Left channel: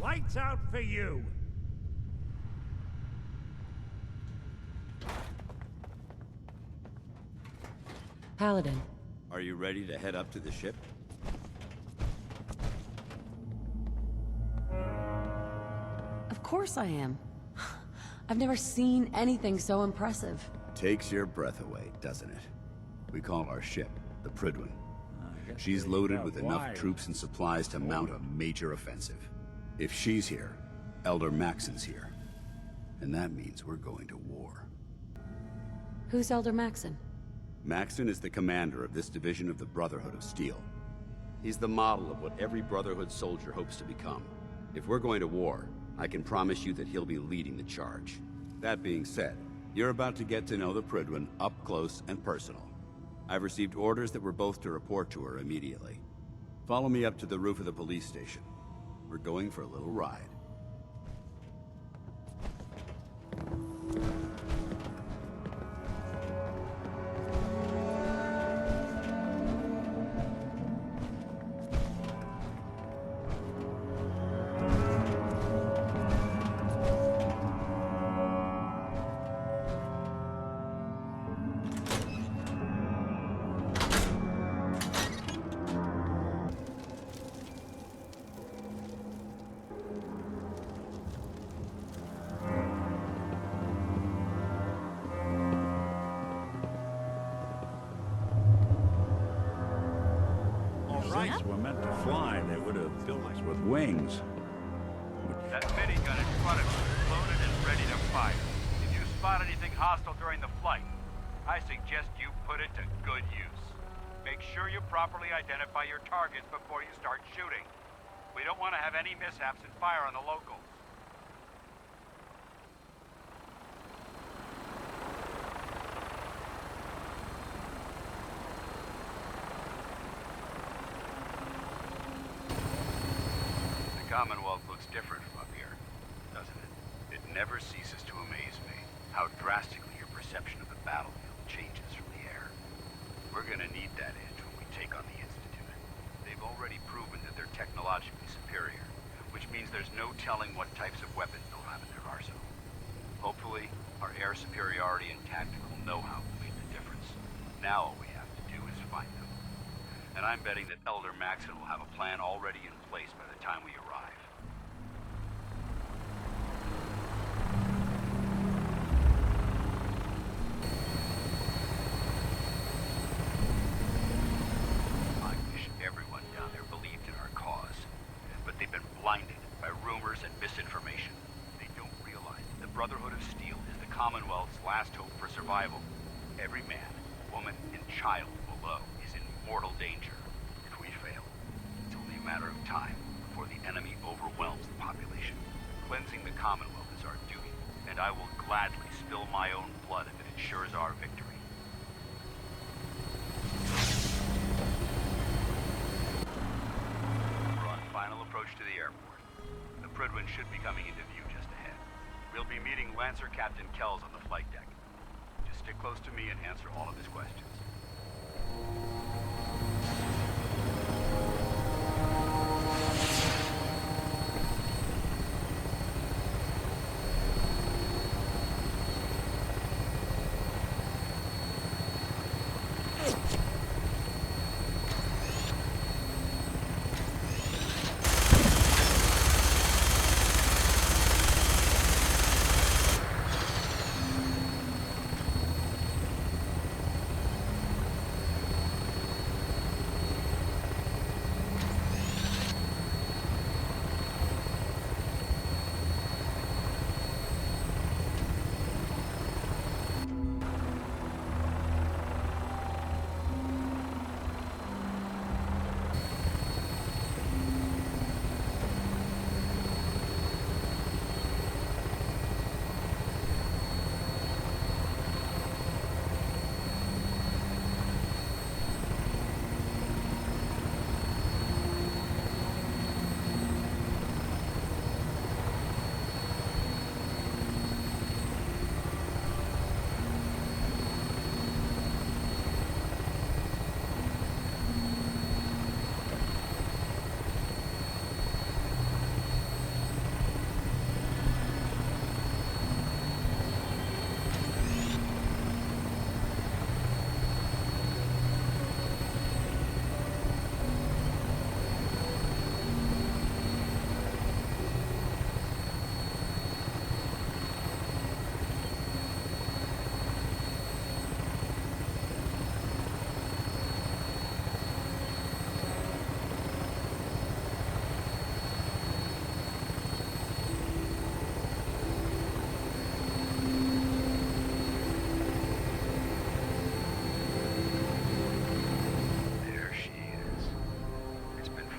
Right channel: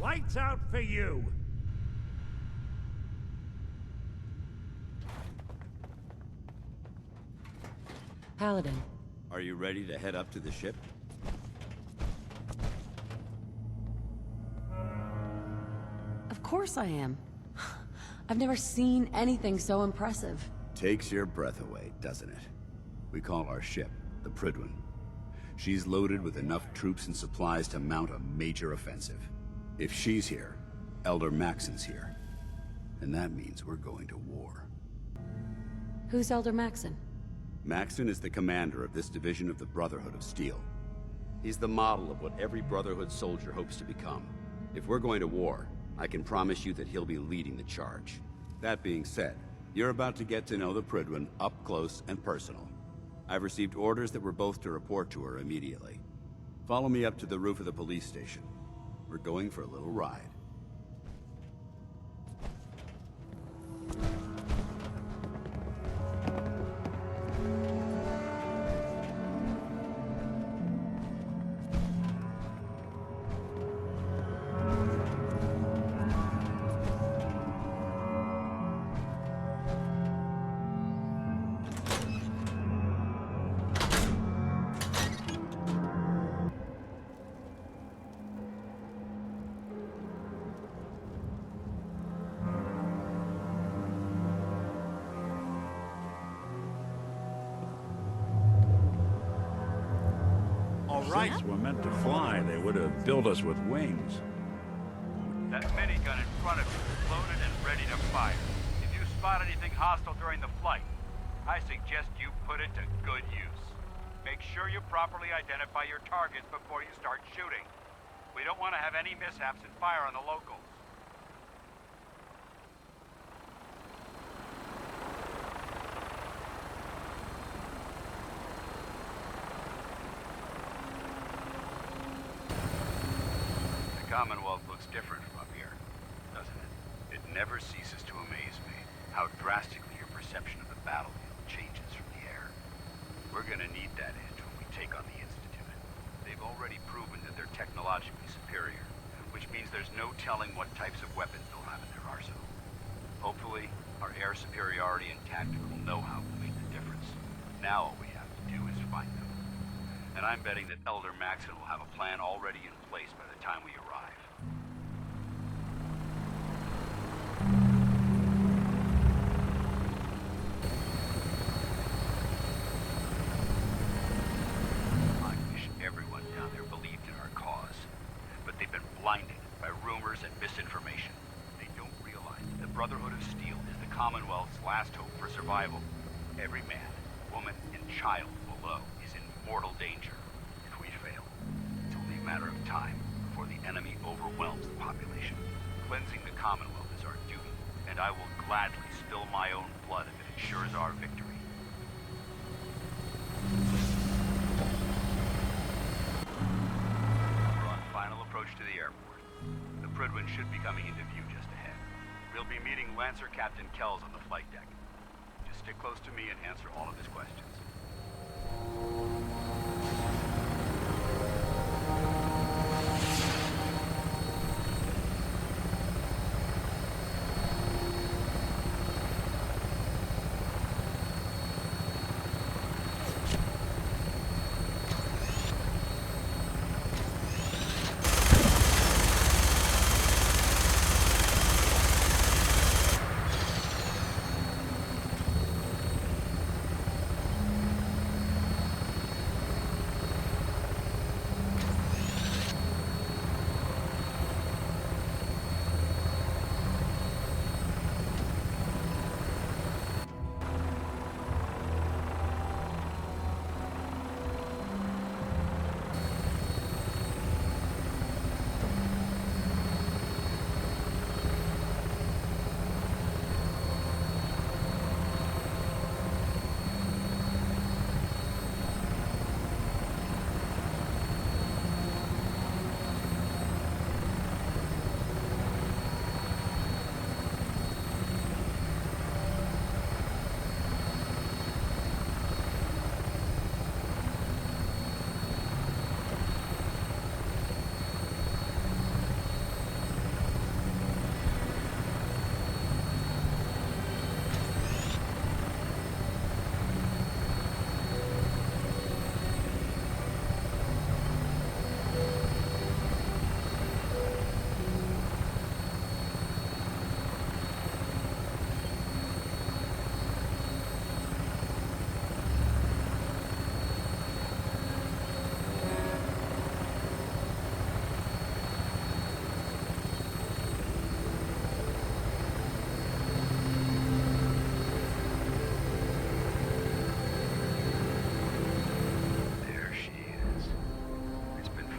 Lights out for you! Paladin. Are you ready to head up to the ship? Of course I am. I've never seen anything so impressive. Takes your breath away, doesn't it? We call our ship the Prydwen. She's loaded with enough troops and supplies to mount a major offensive. If she's here, Elder Maxson's here. And that means we're going to war. Who's Elder Maxson? Maxson is the commander of this division of the Brotherhood of Steel. He's the model of what every Brotherhood soldier hopes to become. If we're going to war, I can promise you that he'll be leading the charge. That being said, you're about to get to know the Prydwen up close and personal. I've received orders that we're both to report to her immediately. Follow me up to the roof of the police station. We're going for a little ride. Since we're meant to fly, they would have built us with wings. That minigun in front of you is loaded and ready to fire. If you spot anything hostile during the flight, I suggest you put it to good use. Make sure you properly identify your targets before you start shooting. We don't want to have any mishaps and fire on the locals. The Commonwealth looks different from up here, doesn't it? It never ceases to amaze me how drastically your perception of the battlefield changes from the air. We're gonna need that edge when we take on the Institute. They've already proven that they're technologically superior, which means there's no telling what types of weapons they'll have in their arsenal. Hopefully, our air superiority and tactical know-how will make the difference. Now all we have to do is find them. And I'm betting that Elder Maxson will have a plan already in place by the time we arrive. I wish everyone down there believed in our cause, but they've been blinded by rumors and misinformation. They don't realize that the Brotherhood of Steel is the Commonwealth's last hope for survival. Every man, woman, and child below is in mortal danger. If we fail, it's only a matter of time before the enemy overwhelms the population. Cleansing the Commonwealth is our duty, and I will gladly spill my own blood if it ensures our victory. We're on final approach to the airport. The Prydwen should be coming into view just ahead. We'll be meeting Lancer Captain Kells on the flight deck. Just stick close to me and answer all of his questions.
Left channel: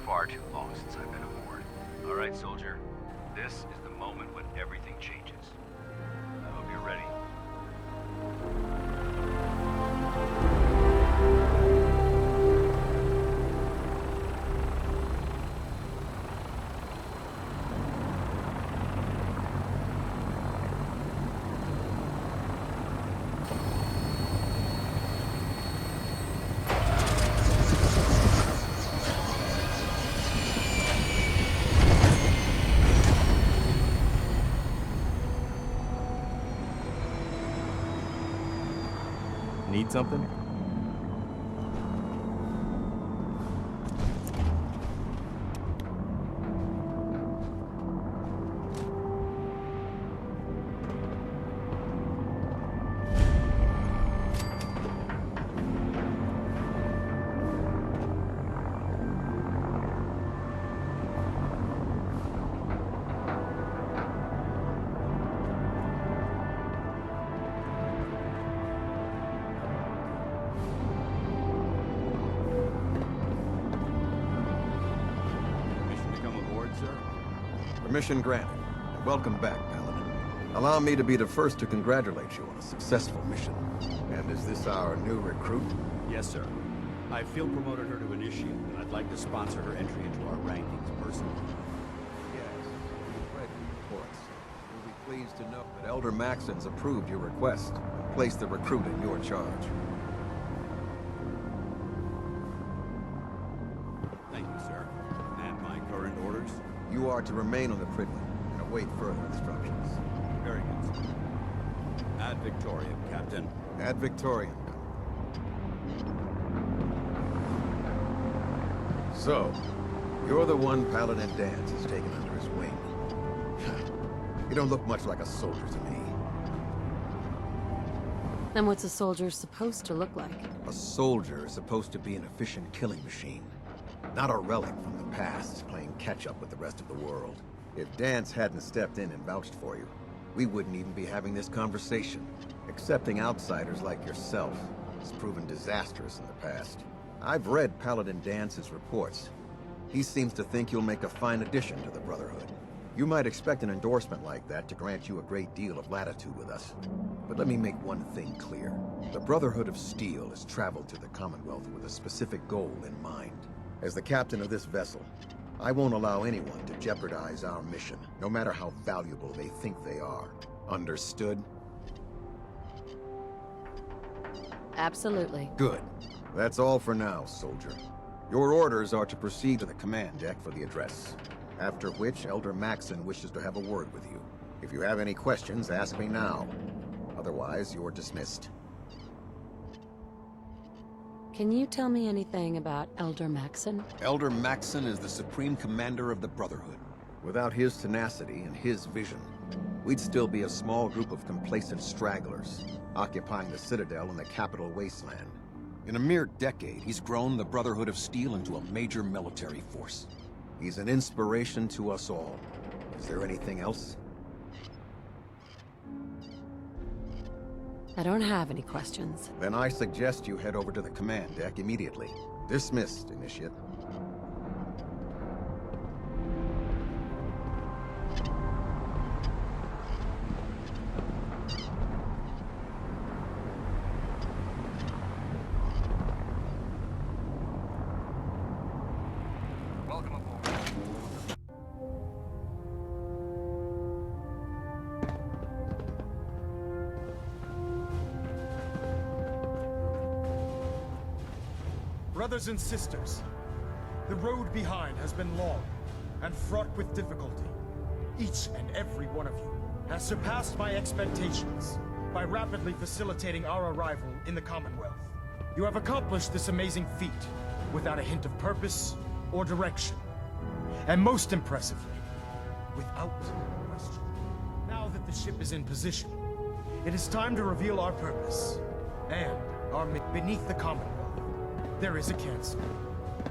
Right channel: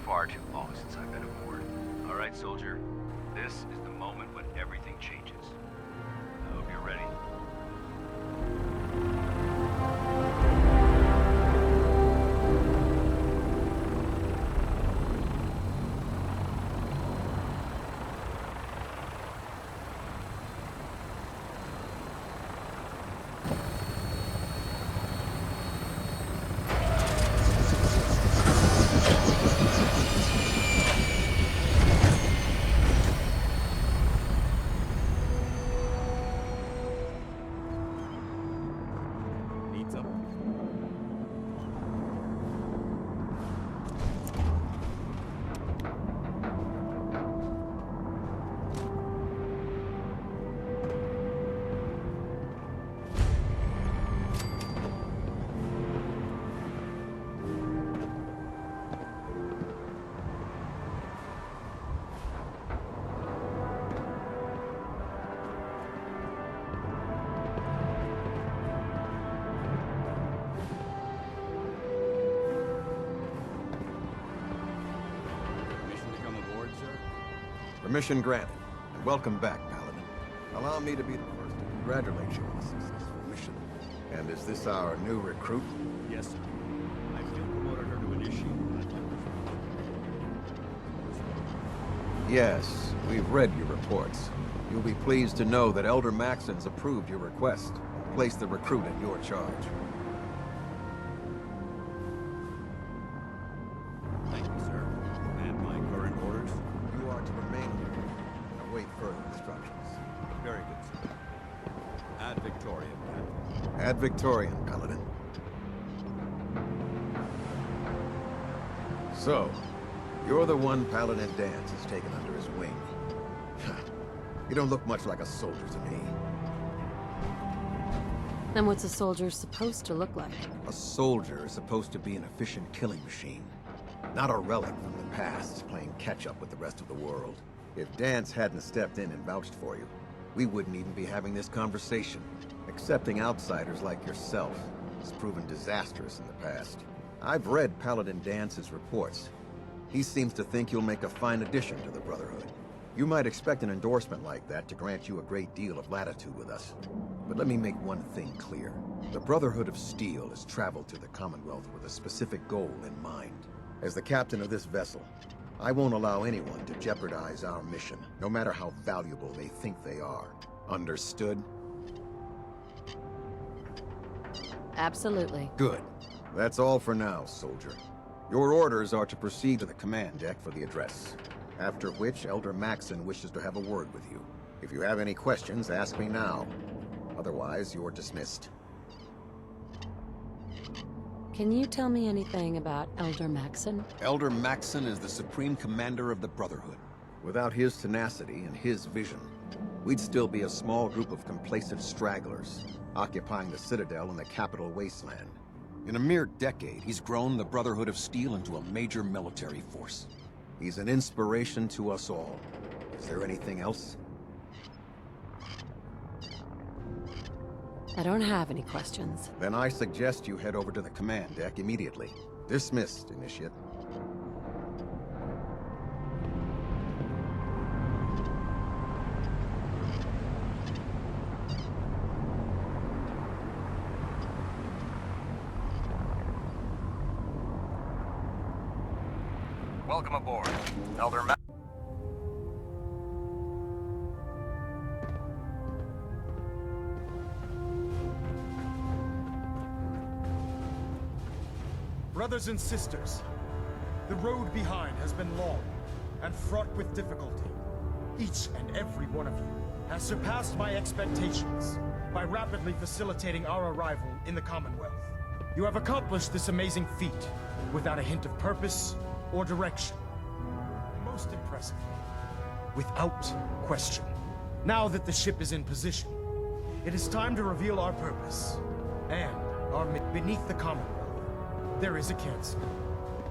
far too long since I've been aboard. All right, soldier. This is the moment when everything changes. I hope you're ready. Need something? Permission granted. And welcome back, Paladin. Allow me to be the first to congratulate you on a successful mission. And is this our new recruit? Yes, sir. I field promoted her to initiate, and I'd like to sponsor her entry into our rankings personally. Yes, we've read your reports. You'll be pleased to know that Elder Maxson's approved your request and placed the recruit in your charge. Thank you, sir. And my current orders? You are to remain on the Prydwen and await further instructions. Very good, sir. Ad Victoriam, Captain. Ad Victoriam, Paladin. So, you're the one Paladin Danse has taken under his wing. You don't look much like a soldier to me. Then what's a soldier supposed to look like? A soldier is supposed to be an efficient killing machine. Not a relic from the past, playing catch-up with the rest of the world. If Danse hadn't stepped in and vouched for you, we wouldn't even be having this conversation. Accepting outsiders like yourself has proven disastrous in the past. I've read Paladin Dance's reports. He seems to think you'll make a fine addition to the Brotherhood. You might expect an endorsement like that to grant you a great deal of latitude with us. But let me make one thing clear. The Brotherhood of Steel has traveled to the Commonwealth with a specific goal in mind. As the captain of this vessel, I won't allow anyone to jeopardize our mission, no matter how valuable they think they are. Understood? Absolutely. Good. That's all for now, soldier. Your orders are to proceed to the command deck for the address. After which, Elder Maxson wishes to have a word with you. If you have any questions, ask me now. Otherwise, you're dismissed. Can you tell me anything about Elder Maxson? Elder Maxson is the Supreme Commander of the Brotherhood. Without his tenacity and his vision, we'd still be a small group of complacent stragglers, occupying the Citadel in the capital wasteland. In a mere decade, he's grown the Brotherhood of Steel into a major military force. He's an inspiration to us all. Is there anything else? I don't have any questions. Then I suggest you head over to the command deck immediately. Dismissed, Initiate. Welcome aboard, Elder Maxson. Brothers and sisters, the road behind has been long and fraught with difficulty. Each and every one of you has surpassed my expectations by rapidly facilitating our arrival in the Commonwealth. You have accomplished this amazing feat without a hint of purpose or direction. And most impressively, without question. Now that the ship is in position, it is time to reveal our purpose and our mission. Beneath the Commonwealth, there is a cancer,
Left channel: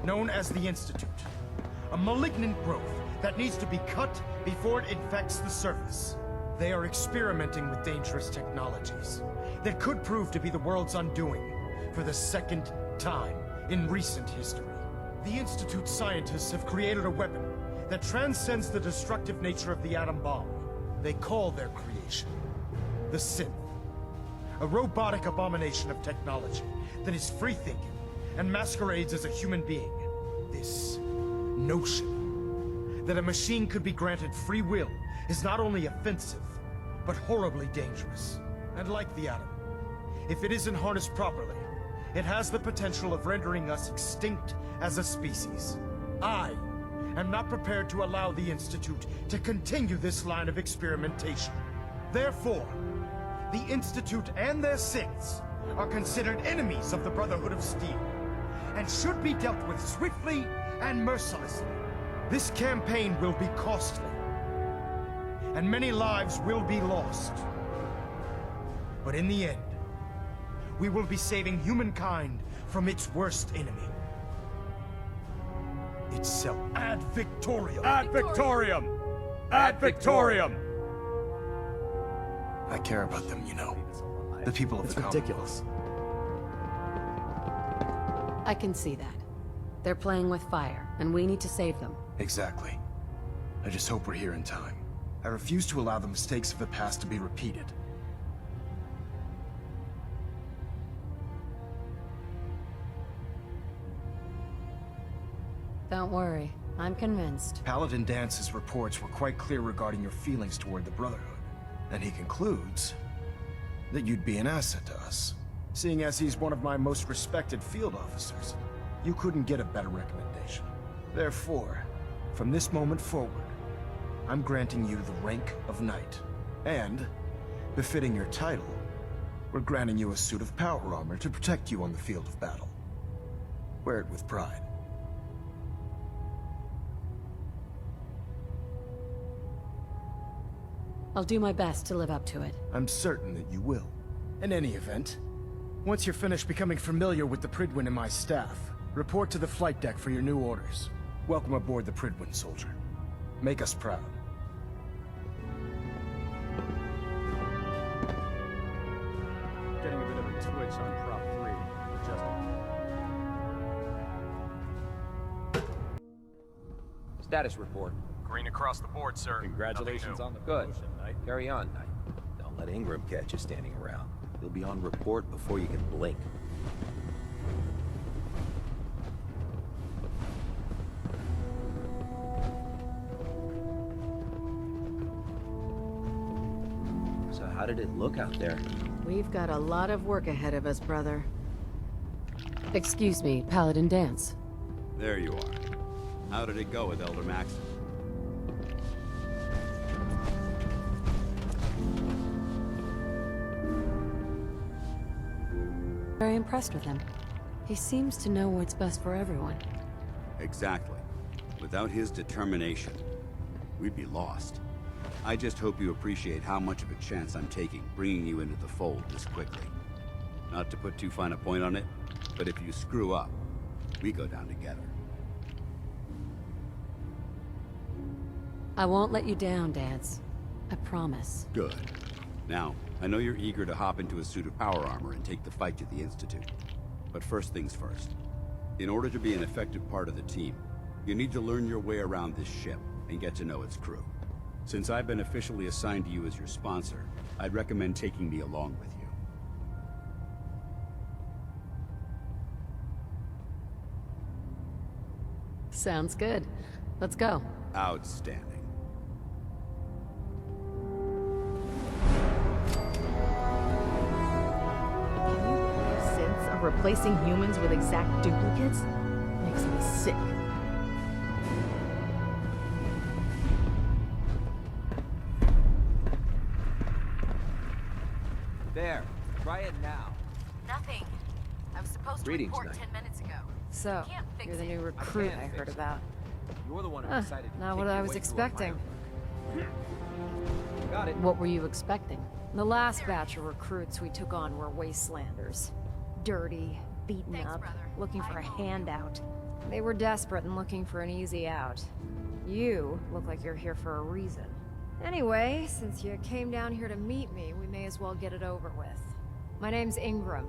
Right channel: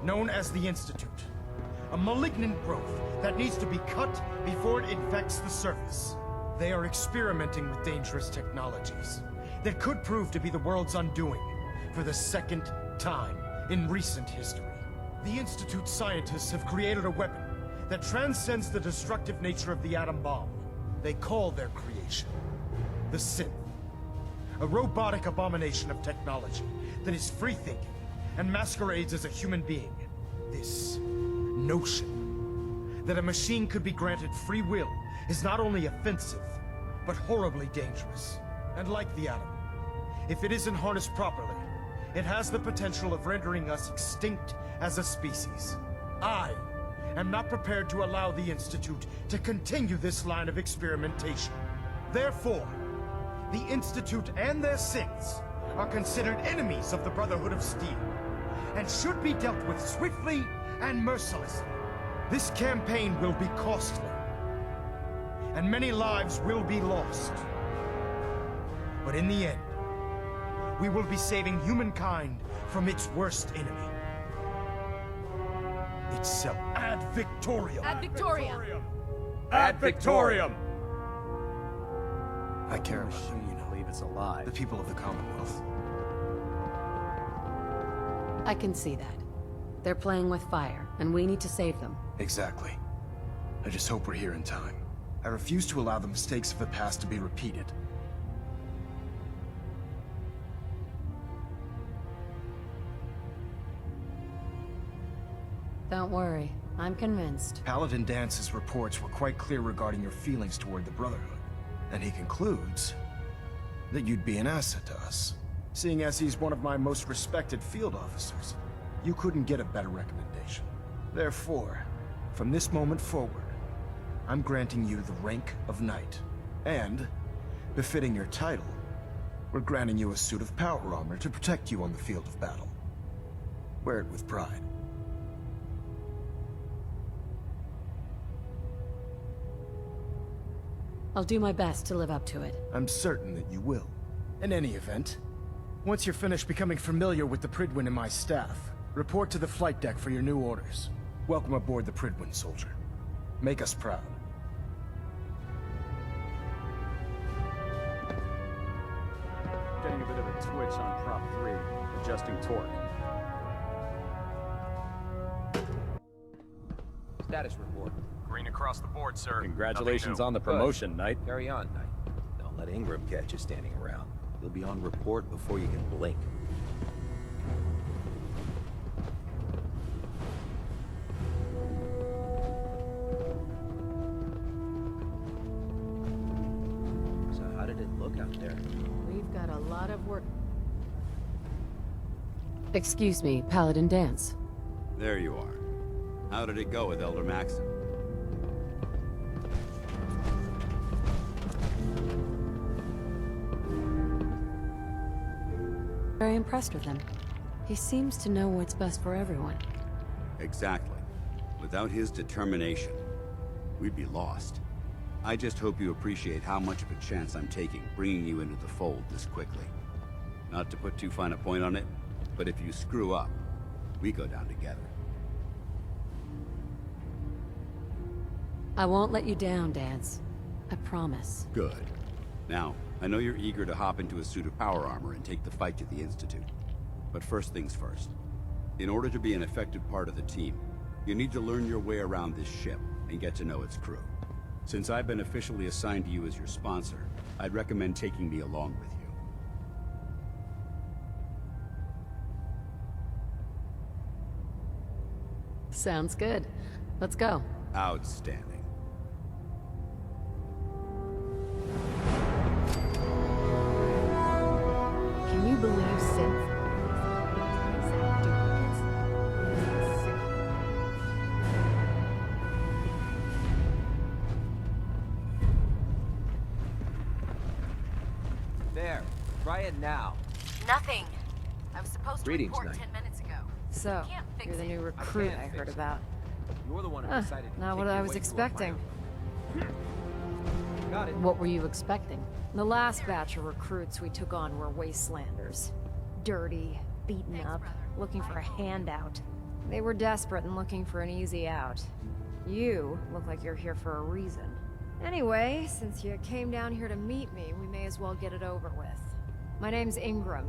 known as the Institute. A malignant growth that needs to be cut before it infects the surface. They are experimenting with dangerous technologies that could prove to be the world's undoing for the second time in recent history. The Institute scientists have created a weapon that transcends the destructive nature of the atom bomb. They call their creation the Synth. A robotic abomination of technology that is free-thinking and masquerades as a human being. This notion that a machine could be granted free will is not only offensive, but horribly dangerous. And like the atom, if it isn't harnessed properly, it has the potential of rendering us extinct as a species. I am not prepared to allow the Institute to continue this line of experimentation. Therefore, the Institute and their synths are considered enemies of the Brotherhood of Steel, and should be dealt with swiftly and mercilessly. This campaign will be costly, and many lives will be lost. But in the end, we will be saving humankind from its worst enemy. Itself. Ad Victoriam! Ad Victoriam! Ad Victoriam! I care about them, you know. The people of the Commonwealth. I can see that. They're playing with fire, and we need to save them. Exactly. I just hope we're here in time. I refuse to allow the mistakes of the past to be repeated. Don't worry, I'm convinced. Paladin Dance's reports were quite clear regarding your feelings toward the Brotherhood. And he concludes that you'd be an asset to us. Seeing as he's one of my most respected field officers, you couldn't get a better recommendation. Therefore, from this moment forward, I'm granting you the rank of Knight. And, befitting your title, we're granting you a suit of power armor to protect you on the field of battle. Wear it with pride. I'll do my best to live up to it. I'm certain that you will. In any event, once you're finished becoming familiar with the Prydwen and my staff, report to the flight deck for your new orders. Welcome aboard the Prydwen, soldier. Make us proud. Getting a bit of a twitch on prop 3, adjusting torque. Status report. Green across the board, sir. Congratulations on the promotion, Knight. Carry on, Knight. Don't let Ingram catch you standing around. He'll be on report before you can blink. So how did it look out there? We've got a lot of work ahead of us, brother. Excuse me, Paladin Dance. There you are. How did it go with Elder Maxson? Very impressed with him. He seems to know what's best for everyone. Exactly. Without his determination, we'd be lost. I just hope you appreciate how much of a chance I'm taking bringing you into the fold this quickly. Not to put too fine a point on it, but if you screw up, we go down together. I won't let you down, Dance. I promise. Good. Now, I know you're eager to hop into a suit of power armor and take the fight to the Institute. But first things first. In order to be an effective part of the team, you need to learn your way around this ship and get to know its crew. Since I've been officially assigned to you as your sponsor, I'd recommend taking me along with you. Sounds good. Let's go. Outstanding. Can you believe synths are replacing humans with exact duplicates? Makes me sick. There. Try it now. Nothing. I was supposed Greetings, to report Knight. 10 minutes ago. So, Can't fix you're the it. new recruit can't I fix heard it. about. You're the one who decided to Not take what your I was way to a expecting. minor. Got it. What were you expecting? The last batch of recruits we took on were wastelanders. Dirty, beaten Thanks, up, brother. looking for a I owe you. handout. They were desperate and looking for an easy out. You look like you're here for a reason. Anyway, since you came down here to meet me, we may as well get it over with. My name's Ingram,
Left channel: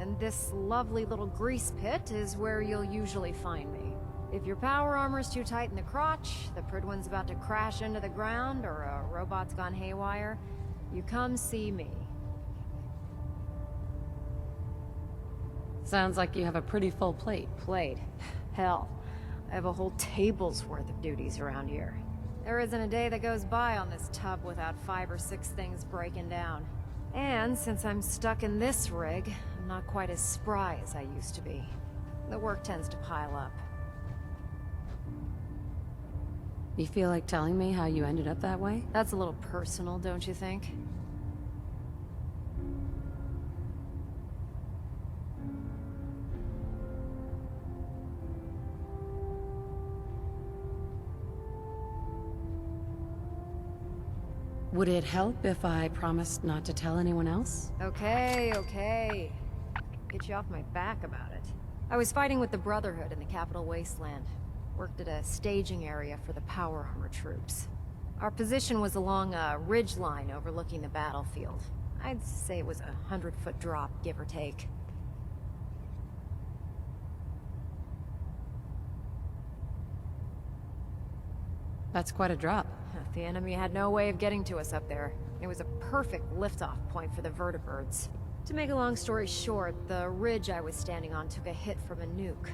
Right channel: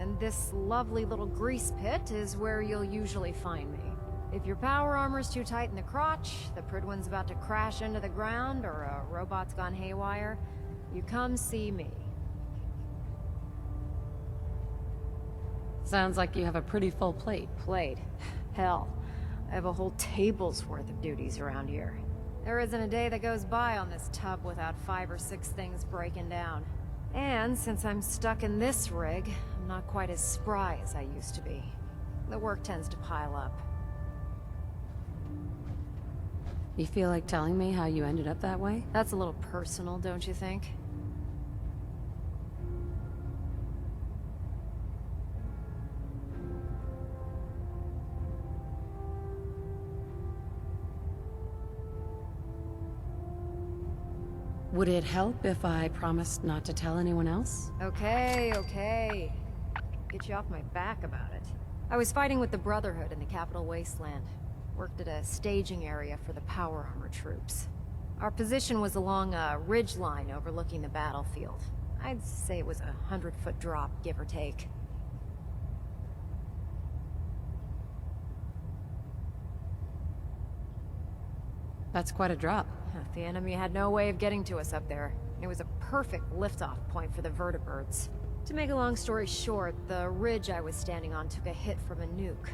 and this lovely little grease pit is where you'll usually find me. If your power armor's too tight in the crotch, the Prydwen's about to crash into the ground, or a robot's gone haywire, you come see me. Sounds like you have a pretty full plate. Plate? Hell, I have a whole table's worth of duties around here. There isn't a day that goes by on this tub without 5 or 6 things breaking down. And since I'm stuck in this rig, I'm not quite as spry as I used to be. The work tends to pile up. You feel like telling me how you ended up that way? That's a little personal, don't you think? Would it help if I promised not to tell anyone else? Okay. Get you off my back about it. I was fighting with the Brotherhood in the Capital Wasteland. Worked at a staging area for the power armor troops. Our position was along a ridge line overlooking the battlefield. I'd say it was a 100-foot drop, give or take. That's quite a drop. The enemy had no way of getting to us up there. It was a perfect liftoff point for the vertibirds. To make a long story short, the ridge I was standing on took a hit from a nuke.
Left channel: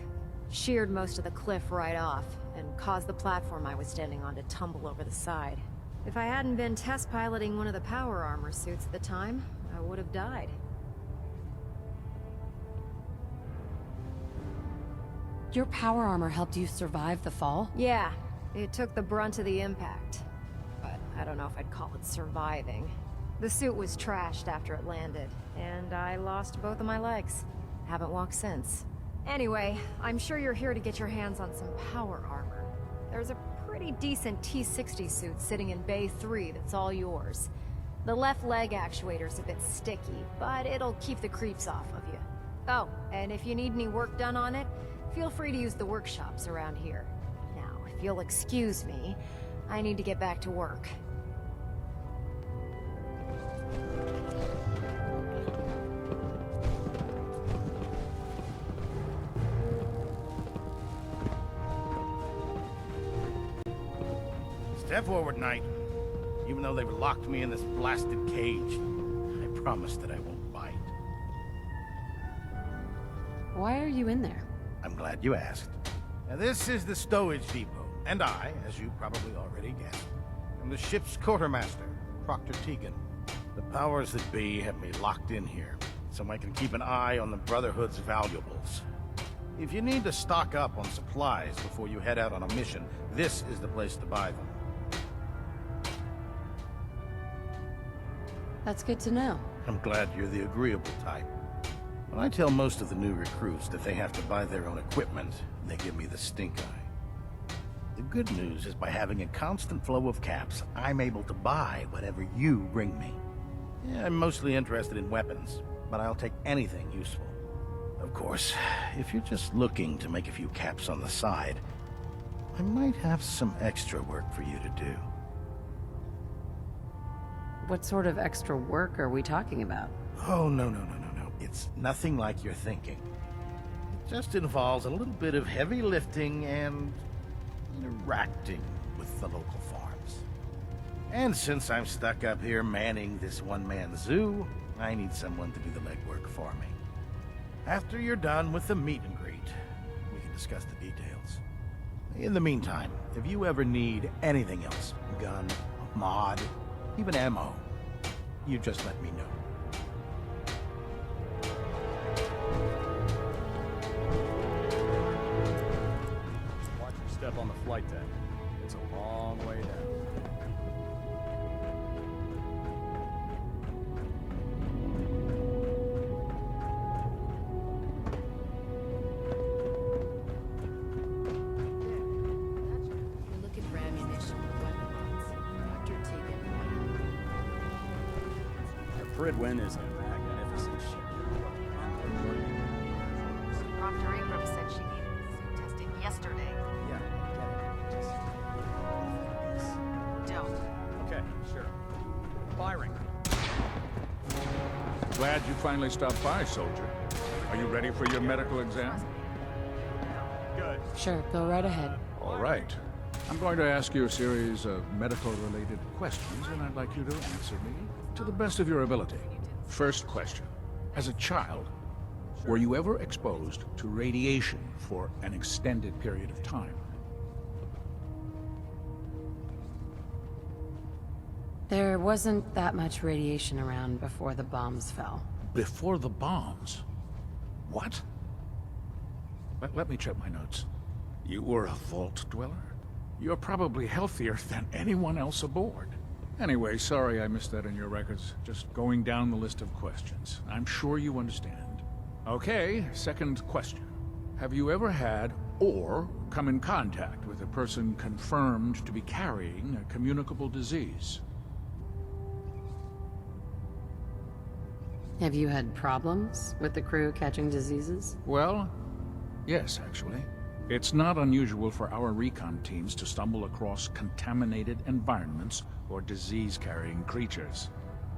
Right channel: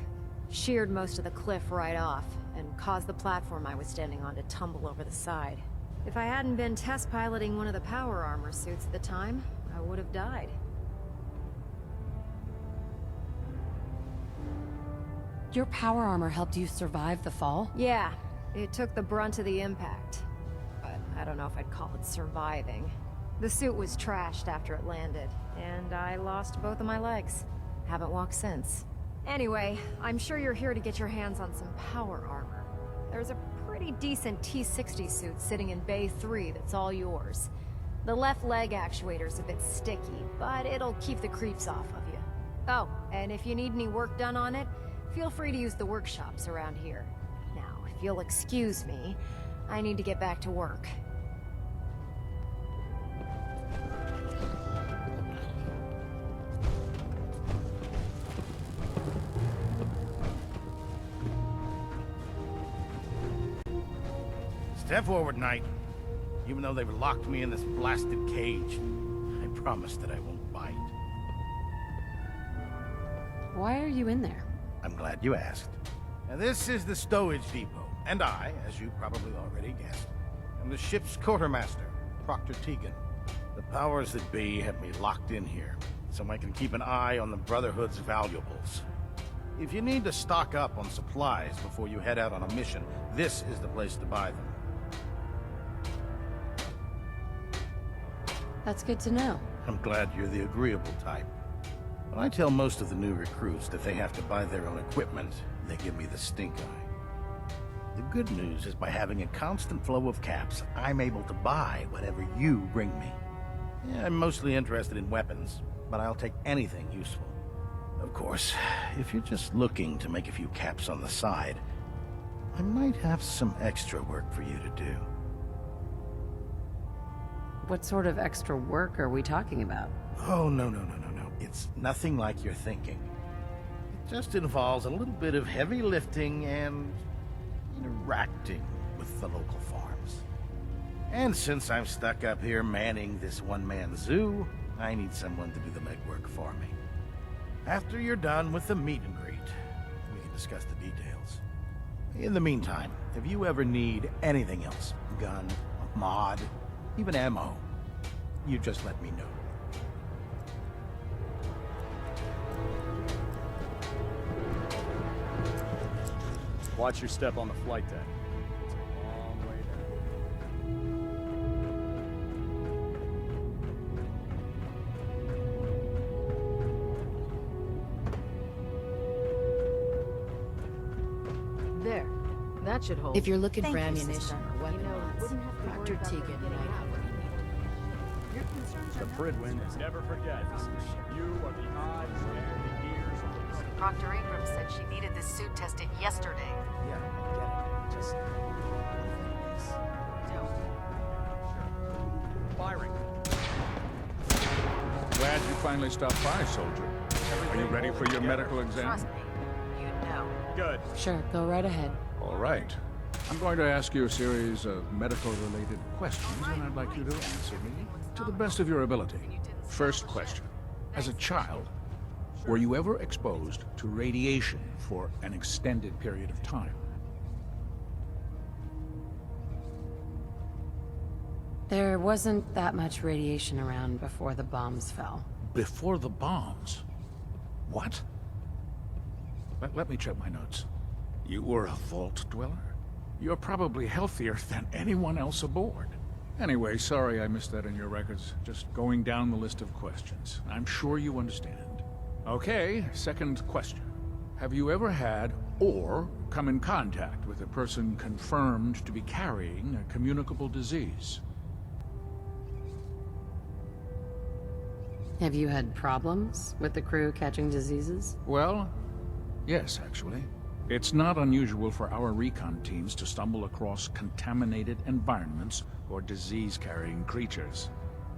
Sheared most of the cliff right off, and caused the platform I was standing on to tumble over the side. If I hadn't been test piloting one of the power armor suits at the time, I would have died. Your power armor helped you survive the fall? Yeah, it took the brunt of the impact. But I don't know if I'd call it surviving. The suit was trashed after it landed, and I lost both of my legs. Haven't walked since. Anyway, I'm sure you're here to get your hands on some power armor. There's a pretty decent T-60 suit sitting in Bay 3 that's all yours. The left leg actuator's a bit sticky, but it'll keep the creeps off of you. Oh, and if you need any work done on it, feel free to use the workshops around here. Now, if you'll excuse me, I need to get back to work. Step forward, Knight. Even though they've locked me in this blasted cage, I promise that I won't bite. Why are you in there? I'm glad you asked. Now, this is the stowage depot, and I, as you probably already guessed, am the ship's quartermaster, Proctor Tegan. The powers that be have me locked in here, so I can keep an eye on the Brotherhood's valuables. If you need to stock up on supplies before you head out on a mission, this is the place to buy them. That's good to know. I'm glad you're the agreeable type. When I tell most of the new recruits that they have to buy their own equipment, they give me the stink eye. The good news is by having a constant flow of caps, I'm able to buy whatever you bring me. Yeah, I'm mostly interested in weapons, but I'll take anything useful. Of course, if you're just looking to make a few caps on the side, I might have some extra work for you to do. What sort of extra work are we talking about? Oh, no. It's nothing like you're thinking. It just involves a little bit of heavy lifting and interacting with the local farms. And since I'm stuck up here manning this one-man zoo, I need someone to do the legwork for me. After you're done with the meet and greet, we can discuss the details. In the meantime, if you ever need anything else, gun, mod, even ammo, you just let me know. Watch your step on the flight deck. It's a long way down. There. That should hold. If you're looking Thank for you, ammunition sister. or weapon mods, Dr. Tegan might have one. The Prydwen is ever magnificent. You are the eyes and ears of the Proctor Ingram said she needed this suit tested yesterday. Yeah, I get it. Just... Don't. Okay, sure. Firing. Glad you finally stopped by, soldier. Are you ready for your medical exam? Trust me. You know. Good. Sure, go right ahead. All right. I'm going to ask you a series of medical-related questions, and I'd like you to answer me to the best of your ability. First question. As a child, were you ever exposed to radiation for an extended period of time? There wasn't that much radiation around before the bombs fell. Before the bombs? What? Let me check my notes. You were a vault dweller? You're probably healthier than anyone else aboard. Anyway, sorry I missed that in your records. Just going down the list of questions. I'm sure you understand. Okay, second question. Have you ever had or come in contact with a person confirmed to be carrying a communicable disease? Have you had problems with the crew catching diseases? Well, yes, actually. It's not unusual for our recon teams to stumble across contaminated environments or disease-carrying creatures.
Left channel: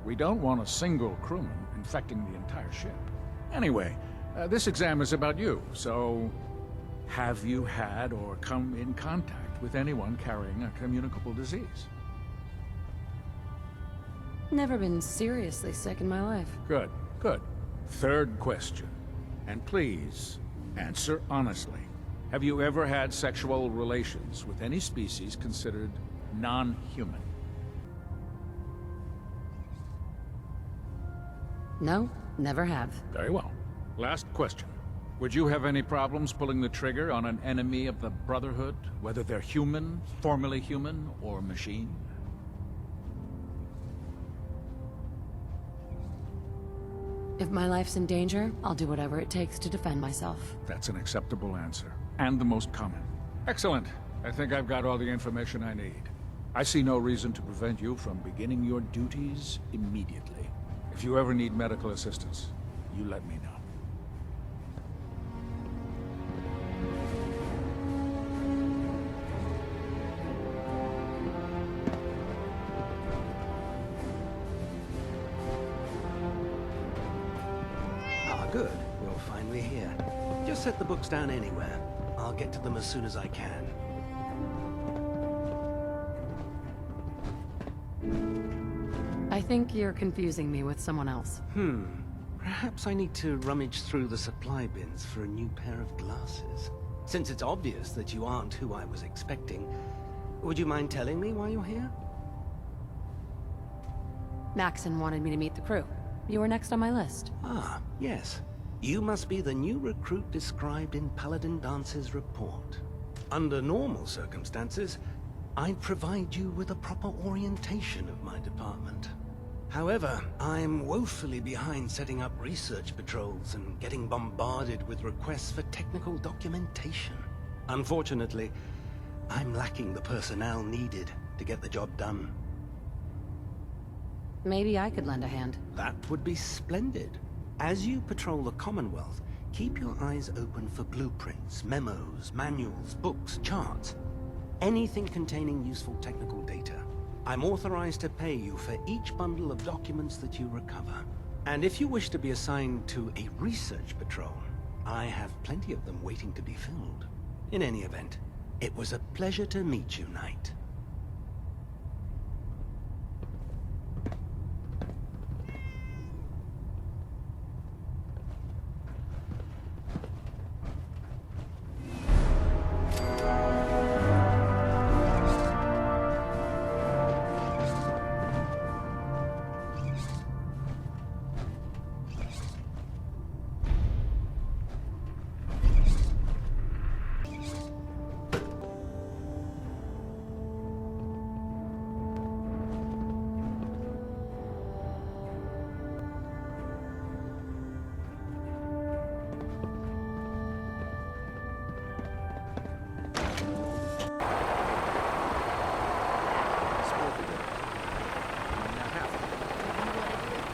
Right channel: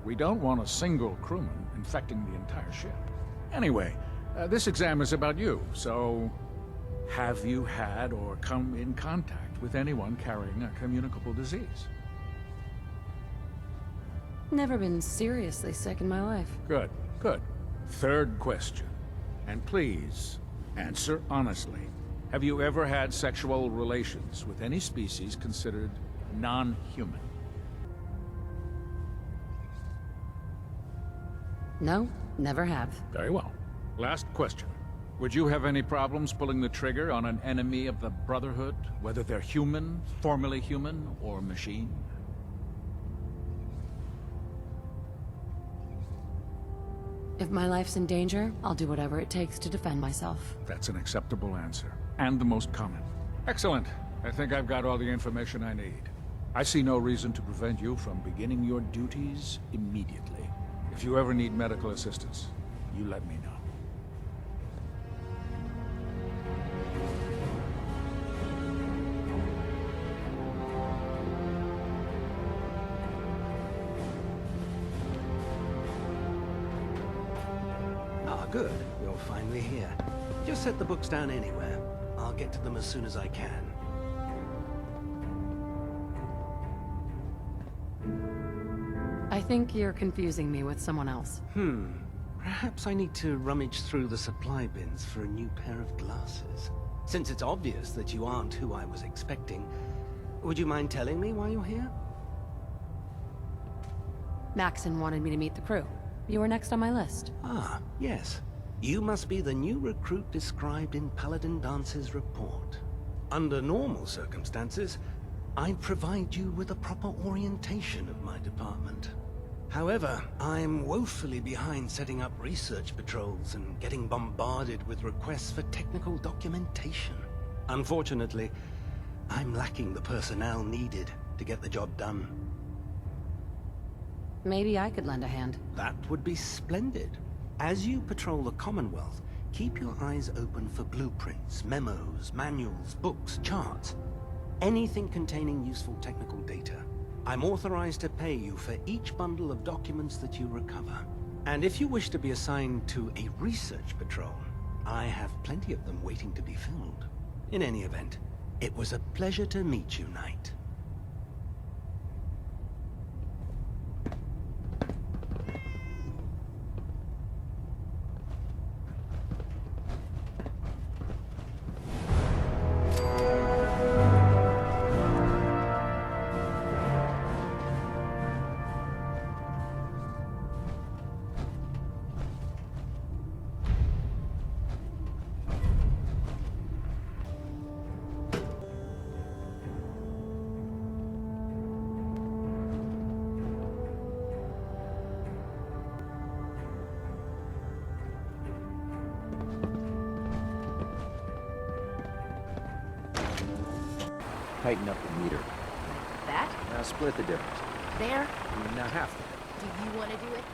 We don't want a single crewman infecting the entire ship. Anyway, this exam is about you, so have you had or come in contact with anyone carrying a communicable disease? Never been seriously sick in my life. Good, good. Third question. And please, answer honestly. Have you ever had sexual relations with any species considered non-human? No, never have. Very well. Last question. Would you have any problems pulling the trigger on an enemy of the Brotherhood, whether they're human, formerly human, or machine? If my life's in danger, I'll do whatever it takes to defend myself. That's an acceptable answer, and the most common. Excellent. I think I've got all the information I need. I see no reason to prevent you from beginning your duties immediately. If you ever need medical assistance, you let me know. Good. You're finally here. Just set the books down anywhere. I'll get to them as soon as I can. I think you're confusing me with someone else. Perhaps I need to rummage through the supply bins for a new pair of glasses. Since it's obvious that you aren't who I was expecting, would you mind telling me why you're here? Maxson wanted me to meet the crew. You were next on my list. Ah, yes. You must be the new recruit described in Paladin Dance's report. Under normal circumstances, I'd provide you with a proper orientation of my department. However, I'm woefully behind setting up research patrols and getting bombarded with requests for technical documentation. Unfortunately, I'm lacking the personnel needed to get the job done. Maybe I could lend a hand. That would be splendid. As you patrol the Commonwealth, keep your eyes open for blueprints, memos, manuals, books, charts. Anything containing useful technical data. I'm authorized to pay you for each bundle of documents that you recover. And if you wish to be assigned to a research patrol, I have plenty of them waiting to be filled. In any event, it was a pleasure to meet you, Knight. Split the difference. There? Now half. Do you want to do it?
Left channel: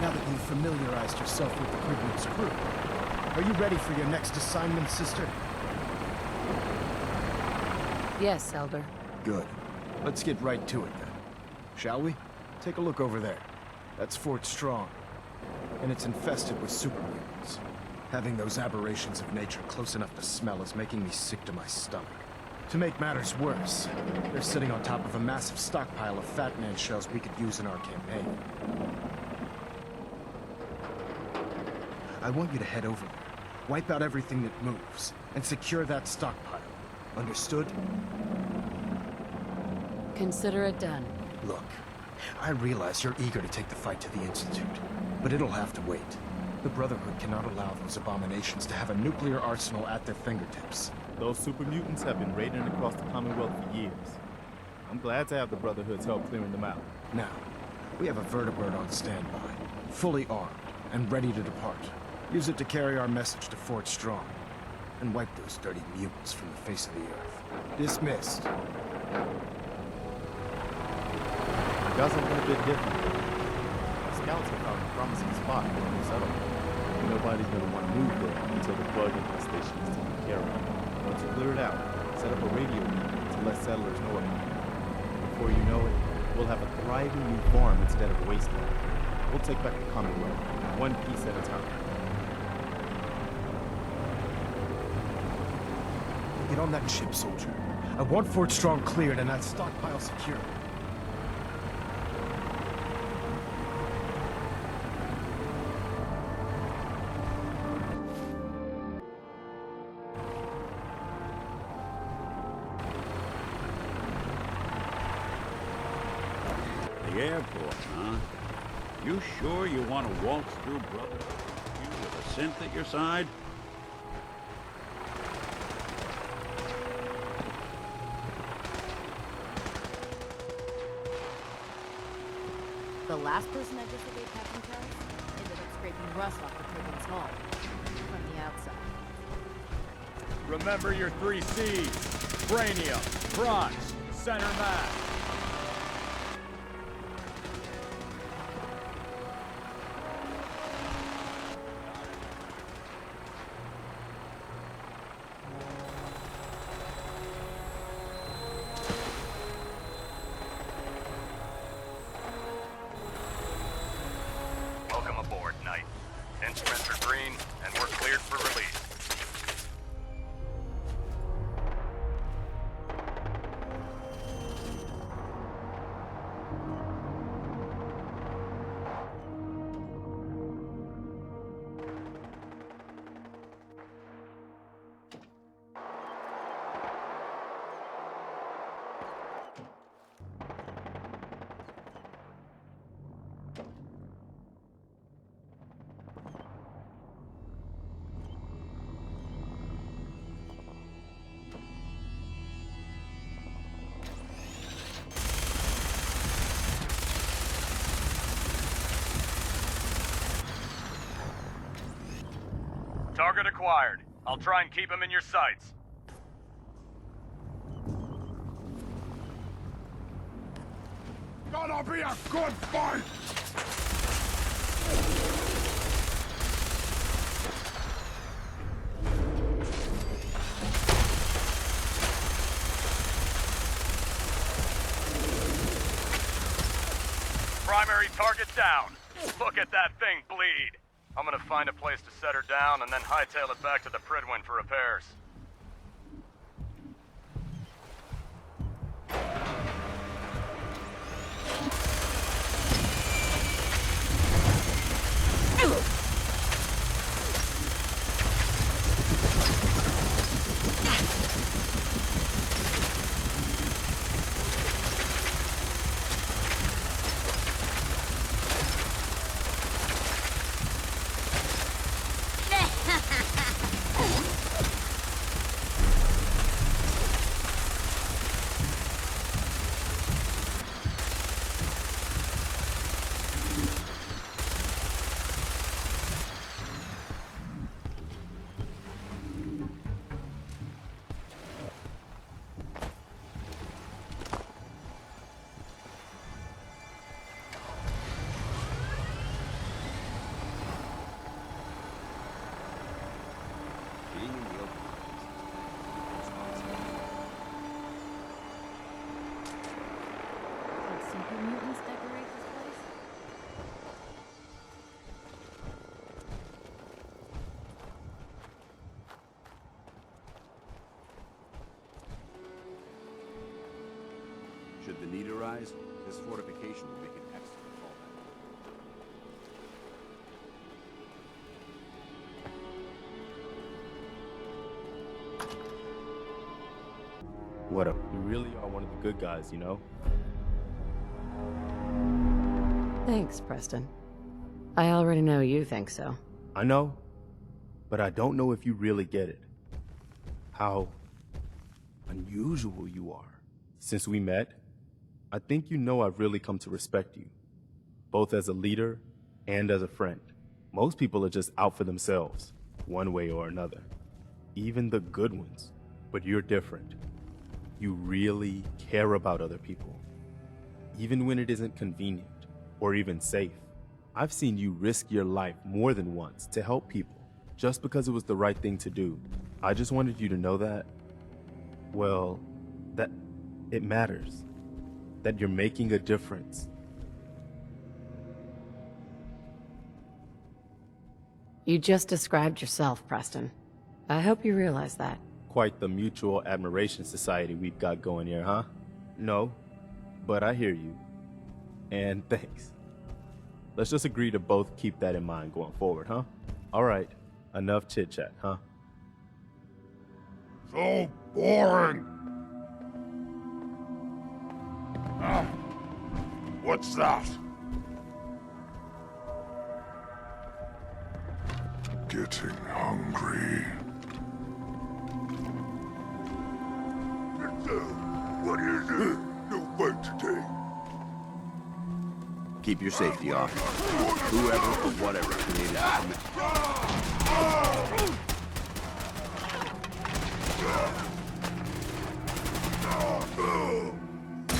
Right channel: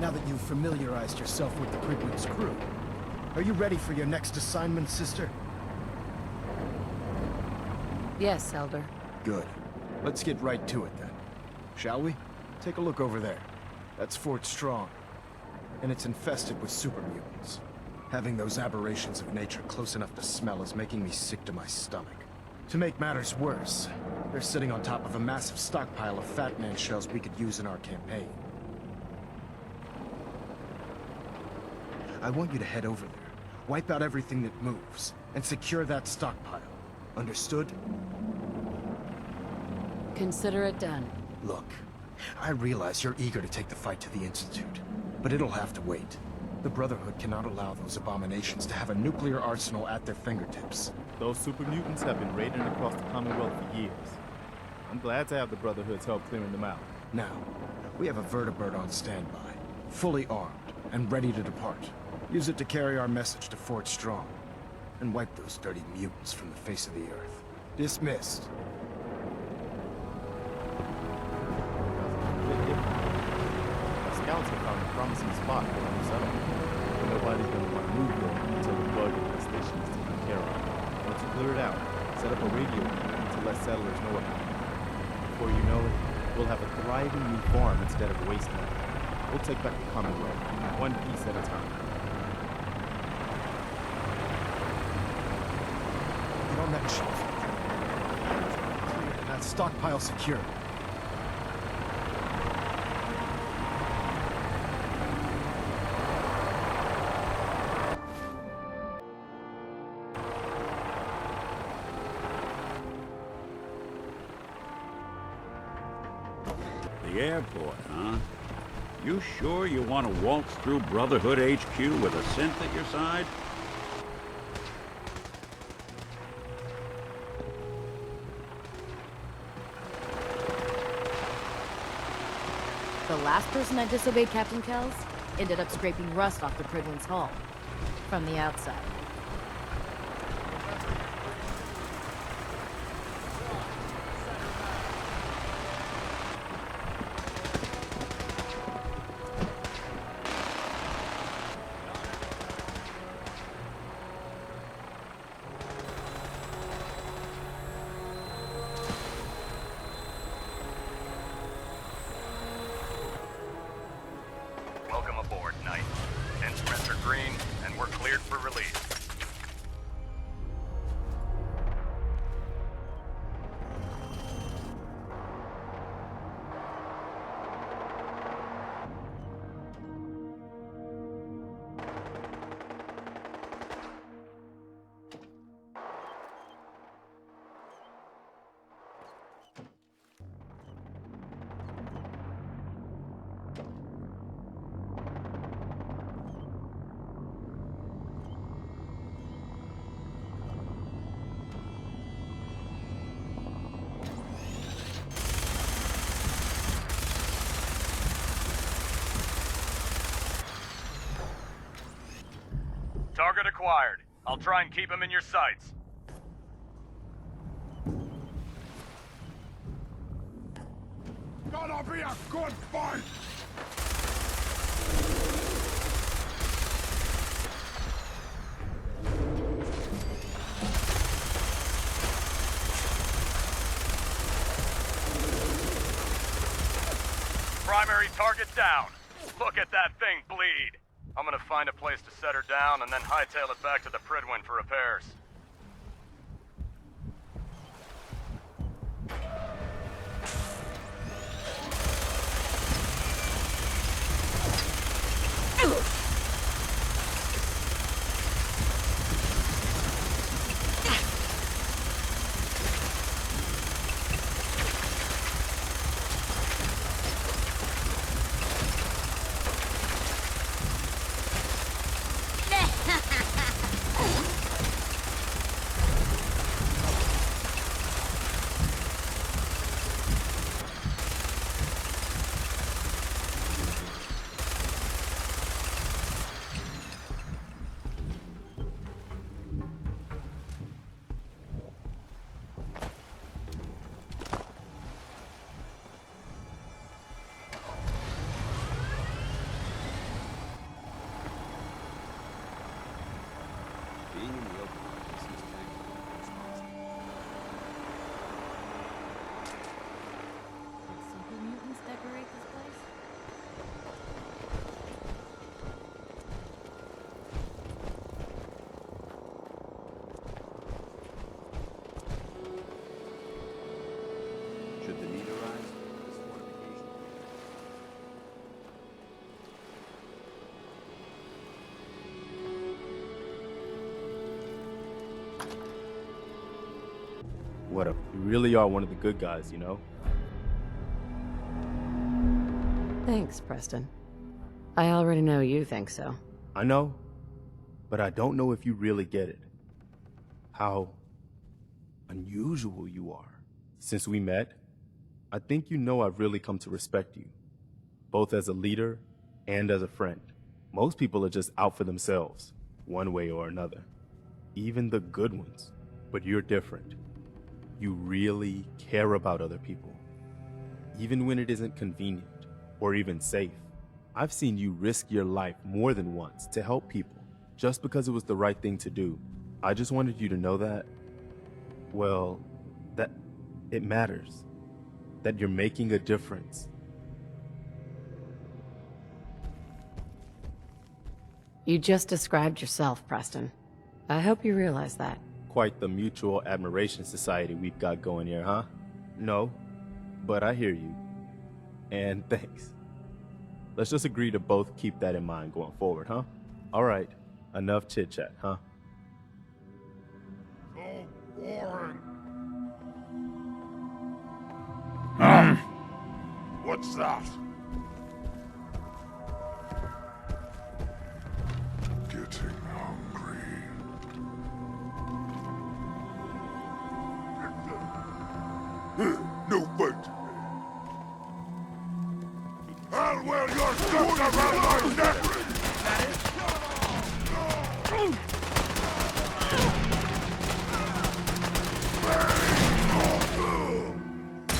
Now that you've familiarized yourself with the Prydwen's crew, are you ready for your next assignment, sister? Yes, Elder. Good. Let's get right to it then. Shall we? Take a look over there. That's Fort Strong, and it's infested with super mutants. Having those aberrations of nature close enough to smell is making me sick to my stomach. To make matters worse, they're sitting on top of a massive stockpile of Fat Man shells we could use in our campaign. I want you to head over there, wipe out everything that moves, and secure that stockpile. Understood? Consider it done. Look, I realize you're eager to take the fight to the Institute, but it'll have to wait. The Brotherhood cannot allow those abominations to have a nuclear arsenal at their fingertips. Those super mutants have been raiding across the Commonwealth for years. I'm glad to have the Brotherhood's help clearing them out. Now, we have a vertibird on standby, fully armed, and ready to depart. Use it to carry our message to Fort Strong, and wipe those dirty mutants from the face of the earth. Dismissed. Got something a bit different. Our scouts have found a promising spot for a new settlement. But nobody's gonna want to move there until the bug infestation is taken care of. Once you clear it out, set up a radio meeting to let settlers know about it. Before you know it, we'll have a thriving new farm instead of a wasteland. We'll take back the Commonwealth, one piece at a time. Get on that ship, soldier. I want Fort Strong cleared and that stockpile secured. The airport, huh? You sure you want to waltz through Brotherhood HQ with a synth at your side? The last person that disobeyed Captain Kells ended up scraping rust off the Prydwen's hull from the outside. Remember your 3 C's. Cranium, bronze, center mass. Welcome aboard, Knight. Instruments are green, and we're cleared for release. Target acquired. I'll try and keep him in your sights. Gonna be a good fight! Primary target down. Look at that thing bleed. I'm gonna find a place to set her down and then hightail it back to the Prydwen for repairs. What up? You really are one of the good guys, you know? Thanks, Preston. I already know you think so. I know, but I don't know if you really get it. How unusual you are. Since we met, I think you know I've really come to respect you, both as a leader and as a friend. Most people are just out for themselves, one way or another. Even the good ones. But you're different. You really care about other people, even when it isn't convenient or even safe. I've seen you risk your life more than once to help people, just because it was the right thing to do. I just wanted you to know that, well, that it matters, that you're making a difference. You just described yourself, Preston. I hope you realize that. Quite the mutual admiration society we've got going here, huh? No, but I hear you. And thanks. Let's just agree to both keep that in mind going forward, huh? All right, enough chit-chat, huh? So boring. What's that? Getting hungry. What is it? No fight today. Keep your safety on.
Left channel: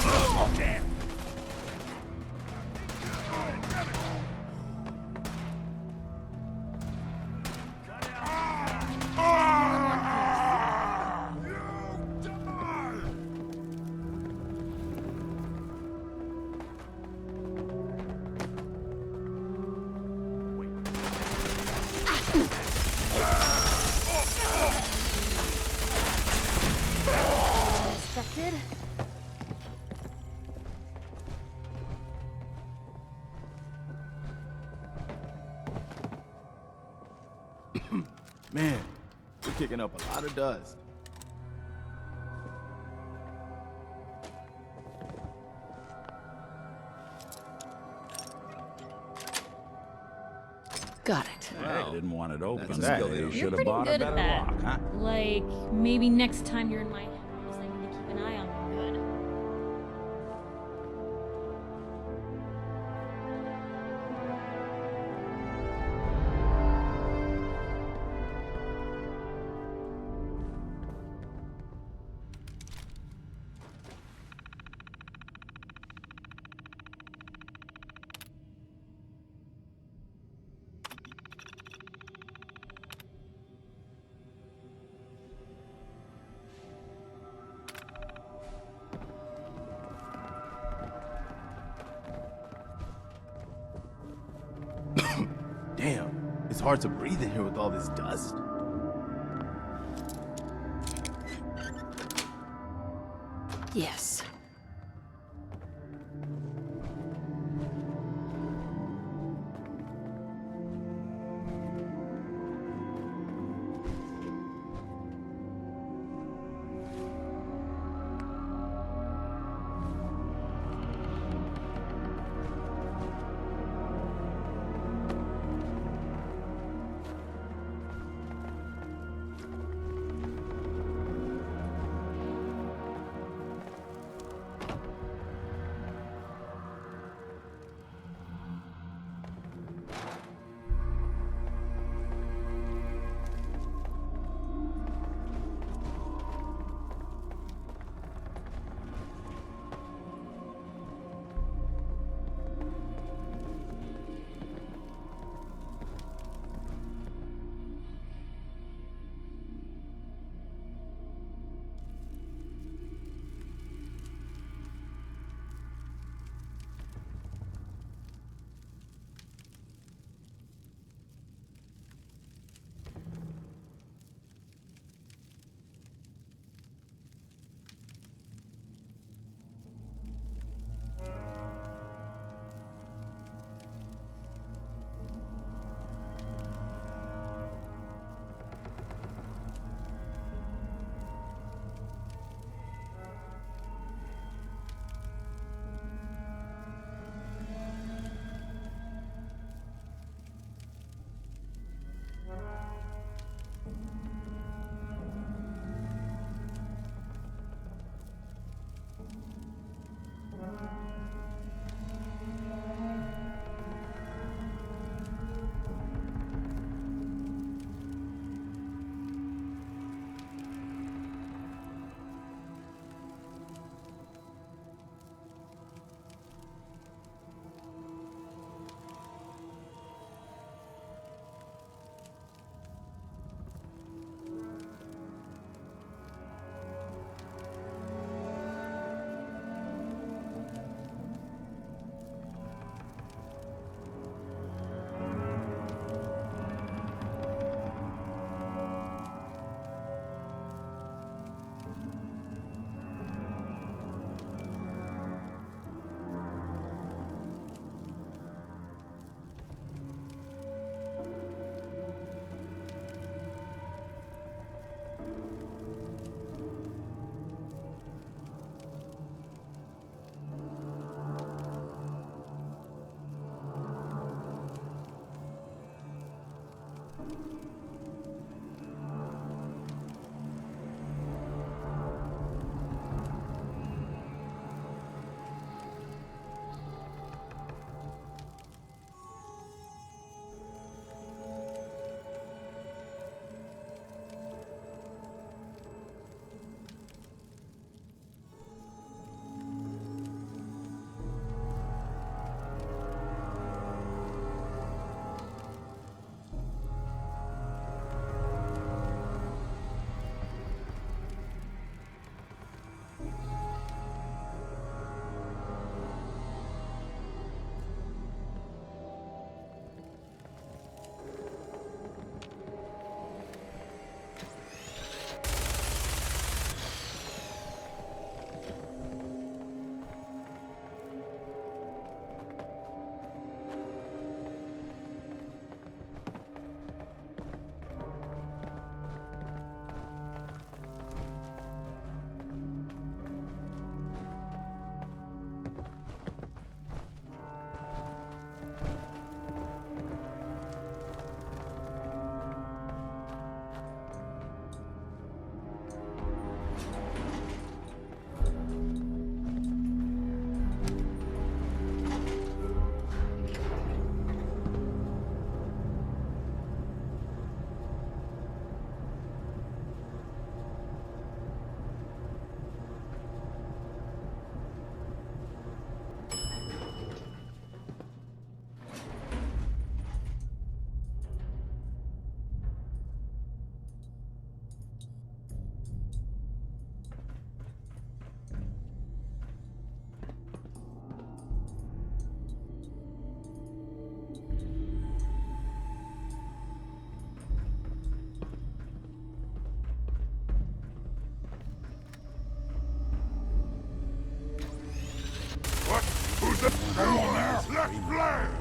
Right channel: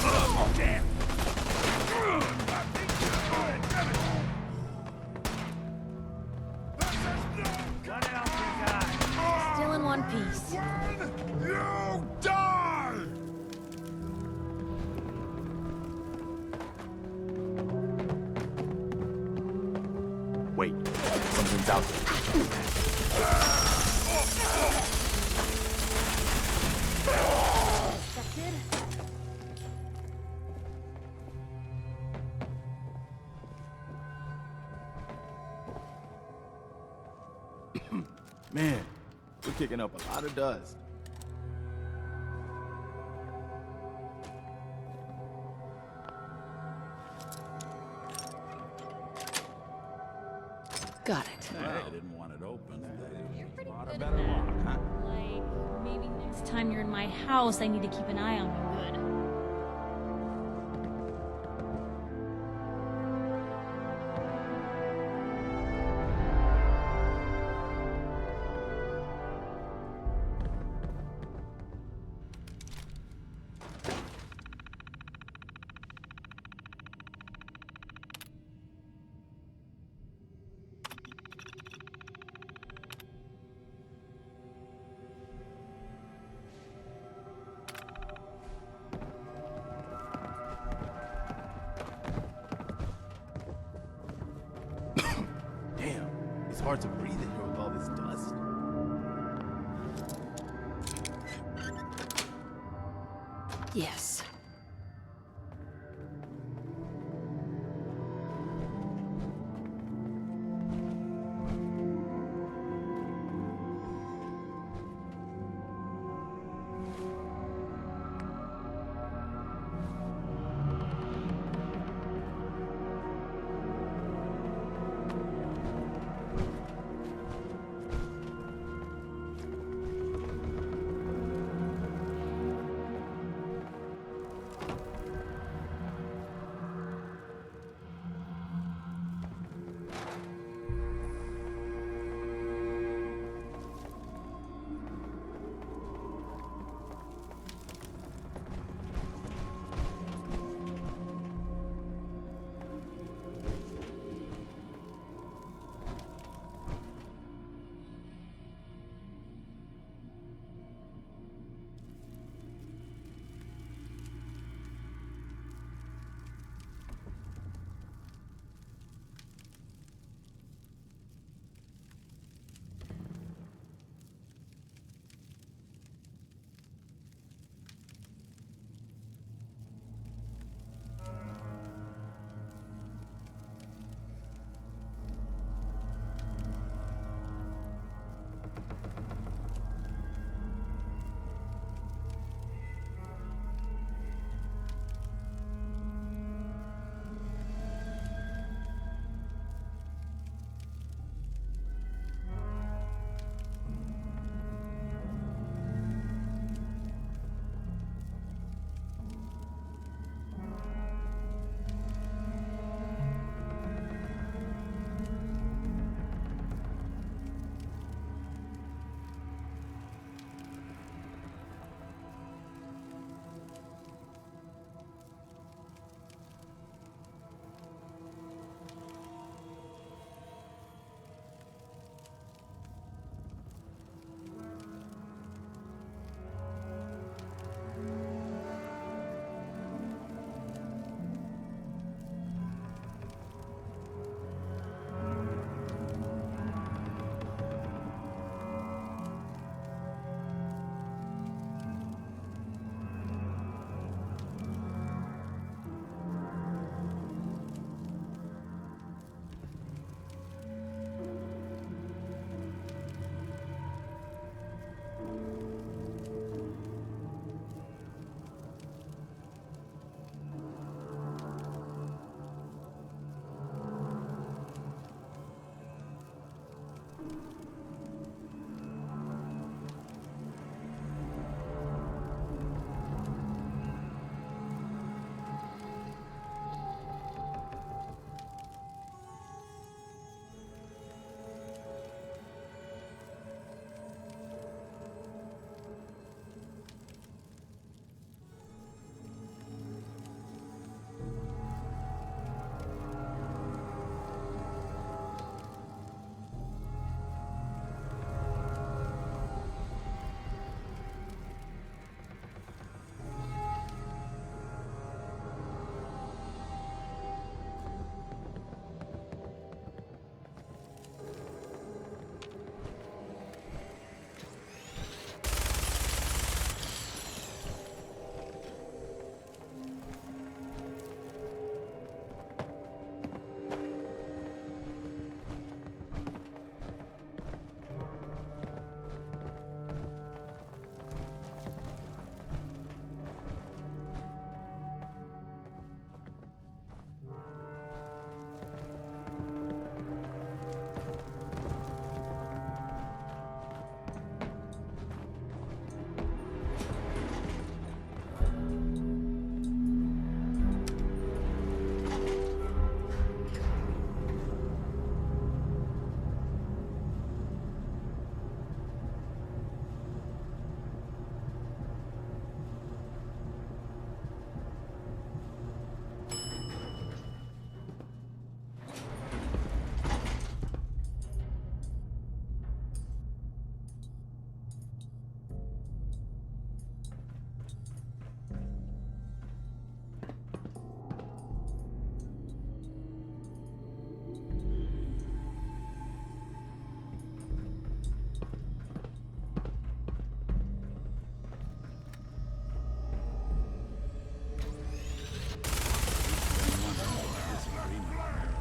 Oh, damn. Still in one piece. You die! Wait, something's out. Expected? Man, we're kicking up a lot of dust. Got it. I didn't want it open. That's You right. should You're have pretty bought a good at better that. lock, huh? Like, maybe next time you're in my house, I need to keep an eye on you good. Damn, it's hard to breathe in here with all this dust. Yes.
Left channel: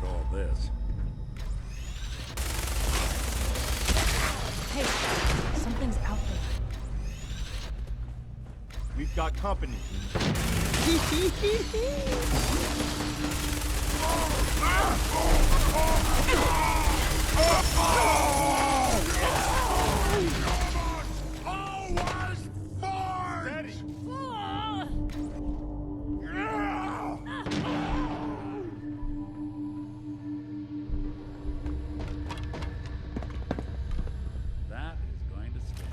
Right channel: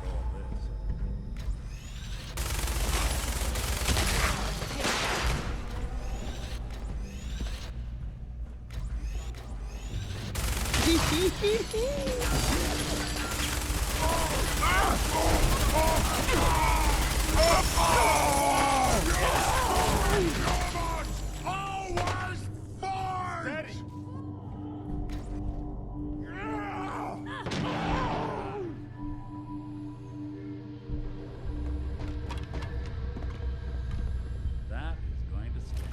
All this. Hey, something's out there. We've got company. Always fight! Steady. That is going to sting.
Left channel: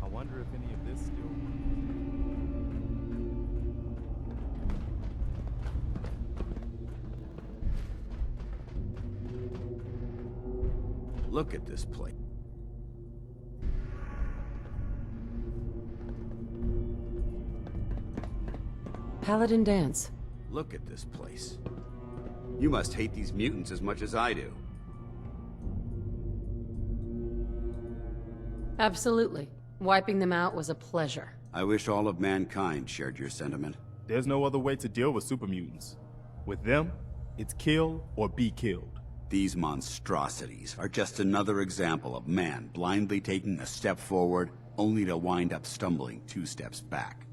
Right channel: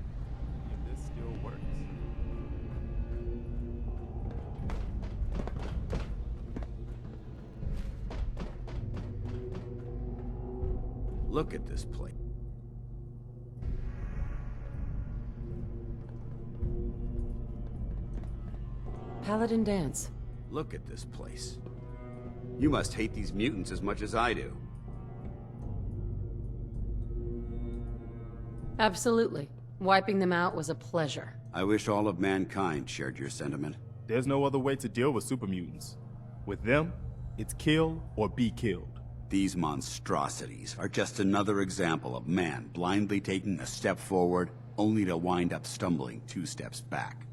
I wonder if any of this still works. Look at this place. Paladin dance. Look at this place. You must hate these mutants as much as I do. Absolutely. Wiping them out was a pleasure. I wish all of mankind shared your sentiment. There's no other way to deal with super mutants. With them, it's kill or be killed. These monstrosities are just another example of man blindly taking a step forward, only to wind up stumbling 2 steps back.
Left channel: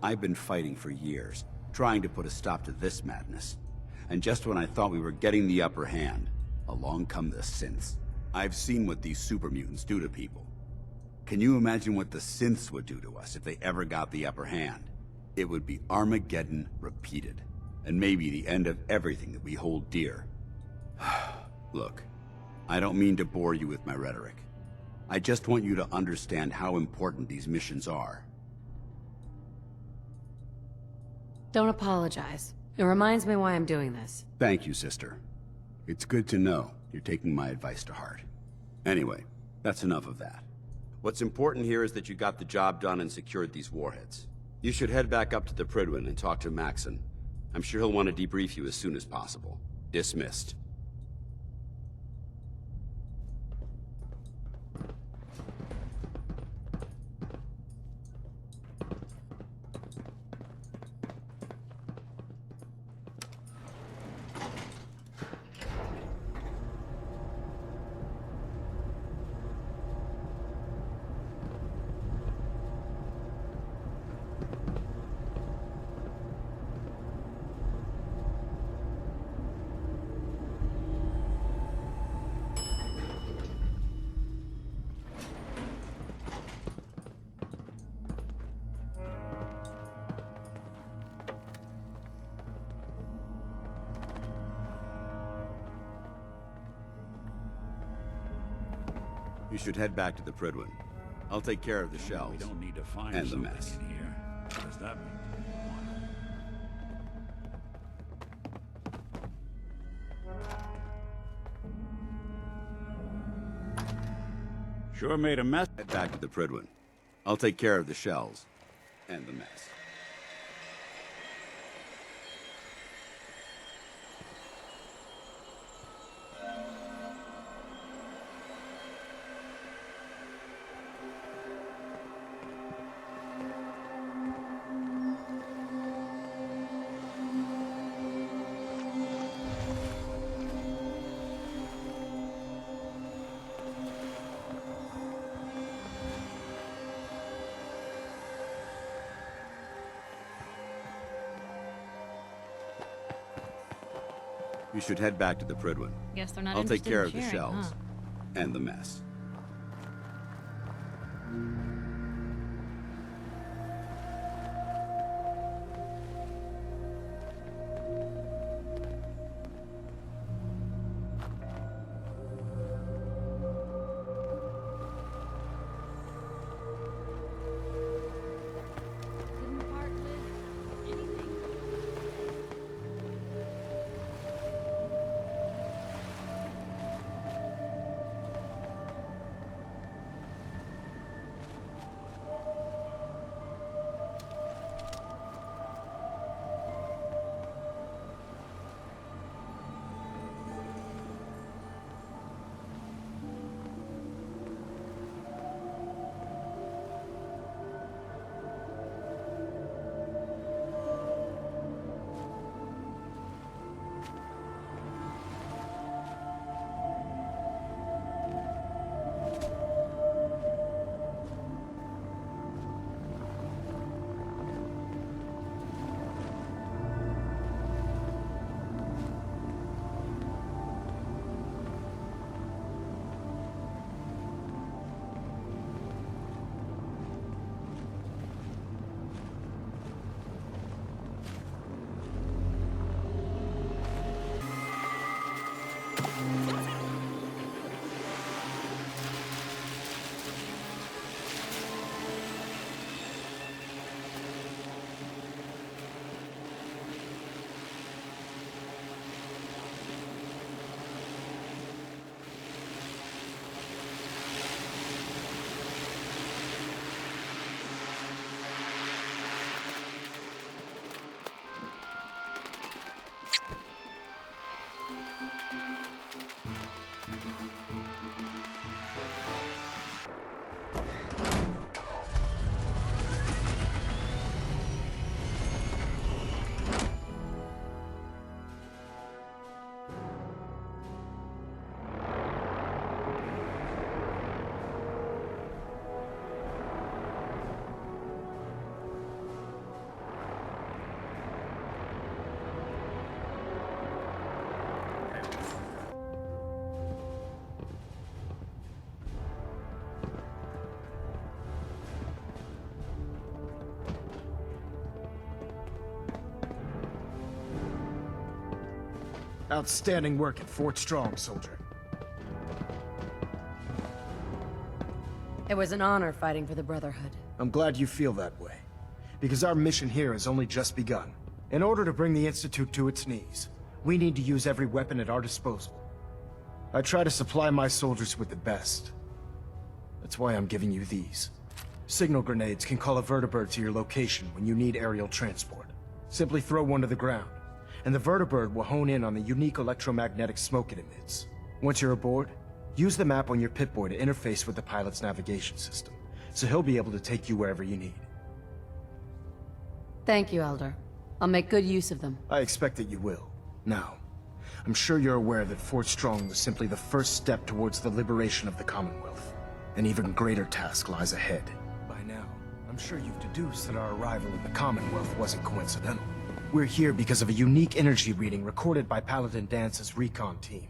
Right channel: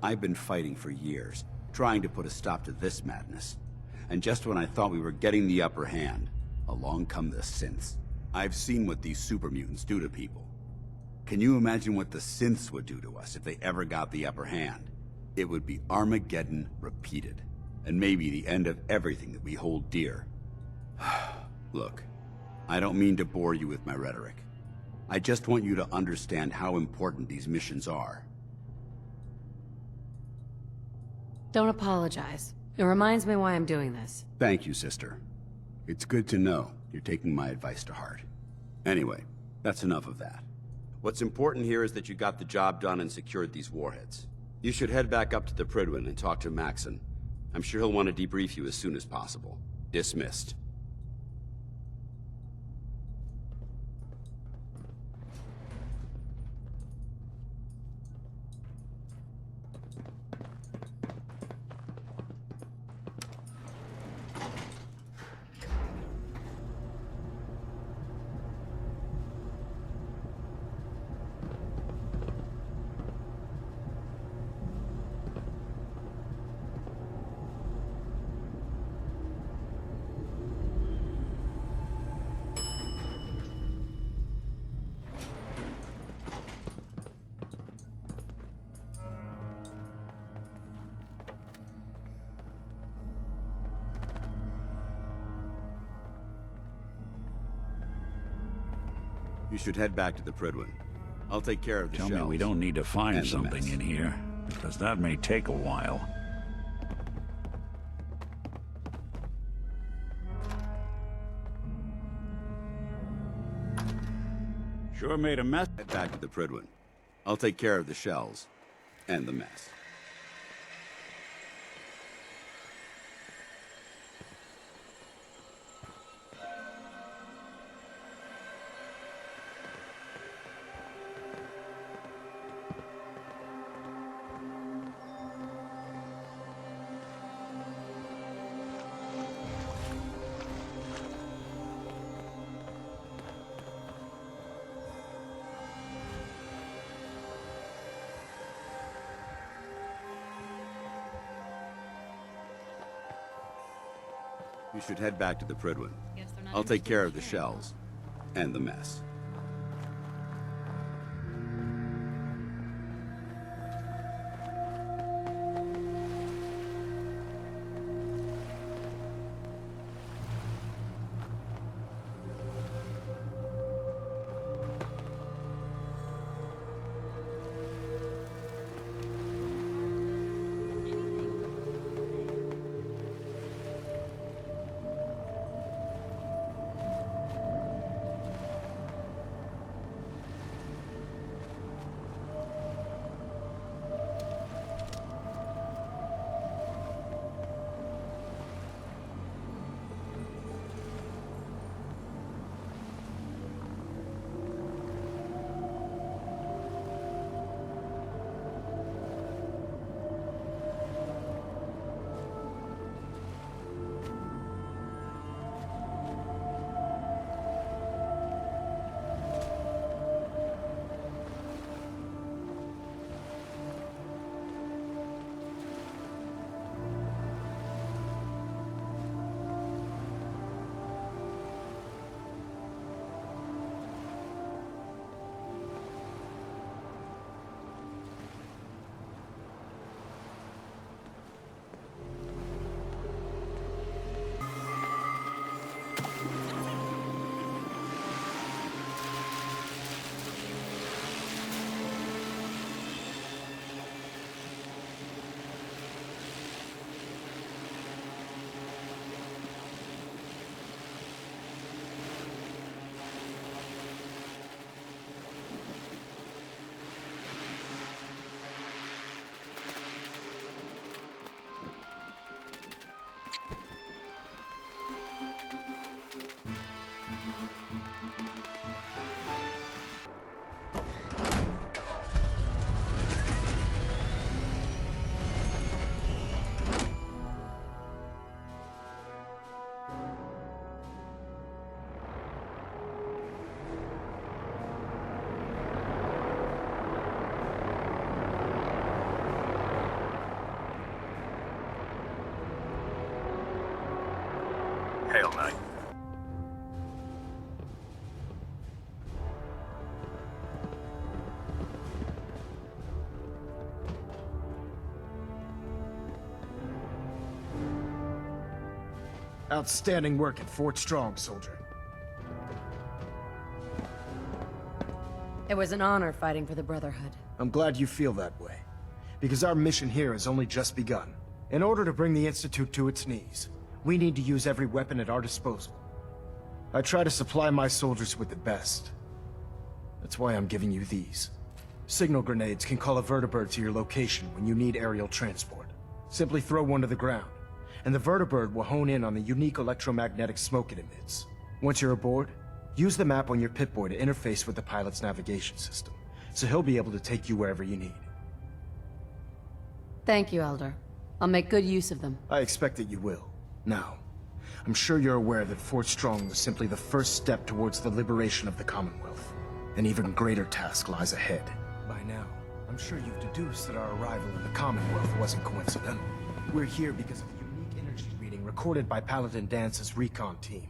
I've been fighting for years, trying to put a stop to this madness. And just when I thought we were getting the upper hand, along come the synths. I've seen what these super mutants do to people. Can you imagine what the synths would do to us if they ever got the upper hand? It would be Armageddon repeated, and maybe the end of everything that we hold dear. Look, I don't mean to bore you with my rhetoric. I just want you to understand how important these missions are. Don't apologize. It reminds me why I'm doing this. Thank you, sister. It's good to know you're taking my advice to heart. Anyway, that's enough of that. What's important here is that you got the job done and secured these warheads. You should head back up to the Prydwen and talk to Maxson. I'm sure he'll want to debrief you as soon as possible. Dismissed. You should head back to the Prydwen. I'll take care of the Tell shells. me we don't need to find and the something mess. in here, because that may take a while. Sure made a mess. Head back to the Prydwen. I'll take care of the shells and the mess. You should head back to the Prydwen. Guess they're not I'll take interested care in of the sharing, shells and the mess. Hail Knight. Outstanding work at Fort Strong, soldier. It was an honor fighting for the Brotherhood. I'm glad you feel that way, because our mission here has only just begun. In order to bring the Institute to its knees, we need to use every weapon at our disposal. I try to supply my soldiers with the best. That's why I'm giving you these. Signal grenades can call a vertibird to your location when you need aerial transport. Simply throw one to the ground, and the vertibird will hone in on the unique electromagnetic smoke it emits. Once you're aboard, use the map on your Pip-Boy to interface with the pilot's navigation system, so he'll be able to take you wherever you need. Thank you, Elder. I'll make good use of them. I expect that you will. Now, I'm sure you're aware that Fort Strong was simply the first step towards the liberation of the Commonwealth. An even greater task lies ahead. By now, I'm sure you've deduced that our arrival in the Commonwealth wasn't coincidental. We're here because of a unique energy reading recorded by Paladin Dance's recon team.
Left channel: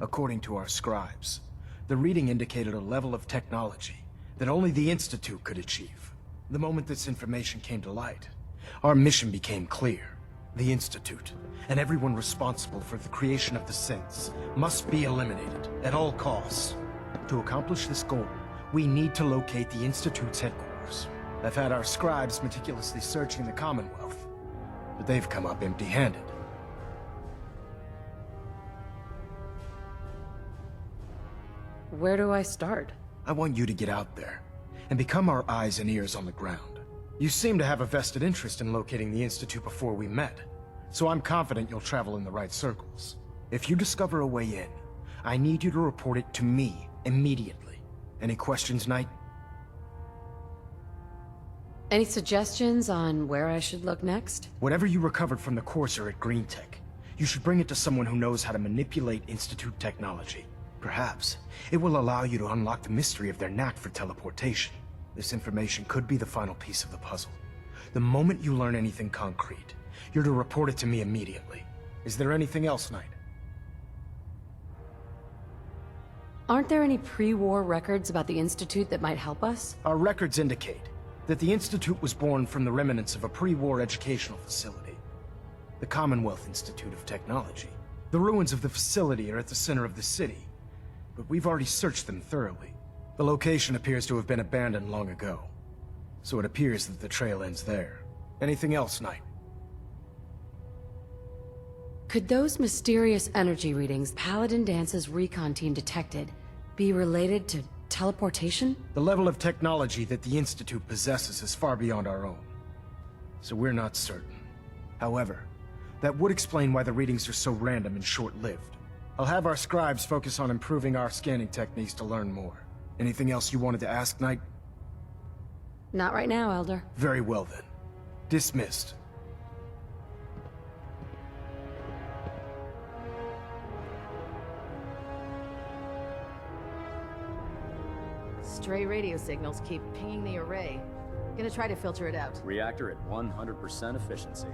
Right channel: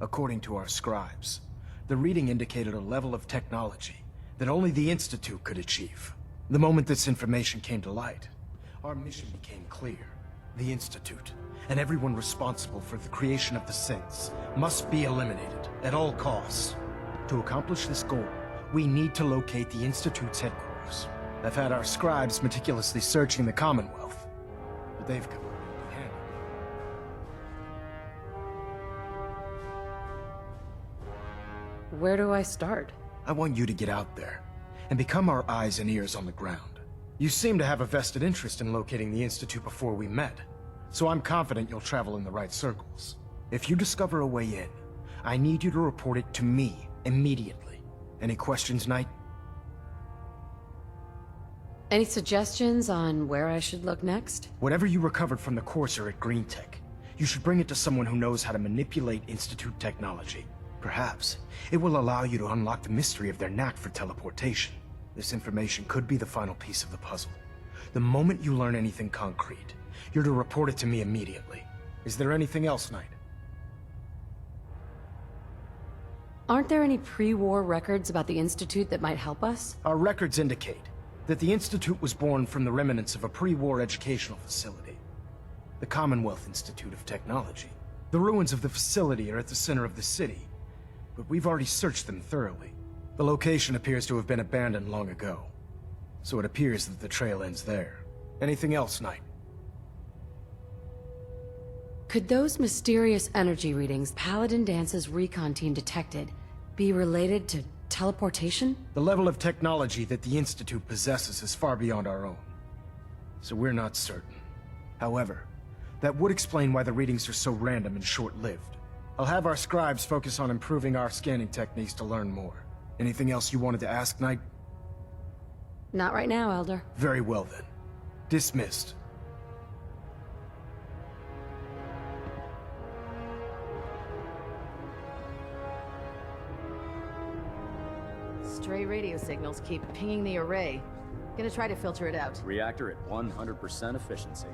According to our scribes, the reading indicated a level of technology that only the Institute could achieve. The moment this information came to light, our mission became clear. The Institute, and everyone responsible for the creation of the synths, must be eliminated at all costs. To accomplish this goal, we need to locate the Institute's headquarters. I've had our scribes meticulously searching the Commonwealth, but they've come up empty-handed. Where do I start? I want you to get out there and become our eyes and ears on the ground. You seem to have a vested interest in locating the Institute before we met, so I'm confident you'll travel in the right circles. If you discover a way in, I need you to report it to me immediately. Any questions, Knight? Any suggestions on where I should look next? Whatever you recovered from the Courser at Green Tech, you should bring it to someone who knows how to manipulate Institute technology. Perhaps it will allow you to unlock the mystery of their knack for teleportation. This information could be the final piece of the puzzle. The moment you learn anything concrete, you're to report it to me immediately. Is there anything else, Knight? Aren't there any pre-war records about the Institute that might help us? Our records indicate that the Institute was born from the remnants of a pre-war educational facility, the Commonwealth Institute of Technology. The ruins of the facility are at the center of the city, but we've already searched them thoroughly. The location appears to have been abandoned long ago, so it appears that the trail ends there. Anything else, Knight? Could those mysterious energy readings Paladin Dance's recon team detected be related to teleportation? The level of technology that the Institute possesses is far beyond our own, so we're not certain. However, that would explain why the readings are so random and short-lived. I'll have our scribes focus on improving our scanning techniques to learn more. Anything else you wanted to ask, Knight? Not right now, Elder. Very well then. Dismissed. Stray radio signals keep pinging the array. Gonna try to filter it out. Reactor at 100% efficiency.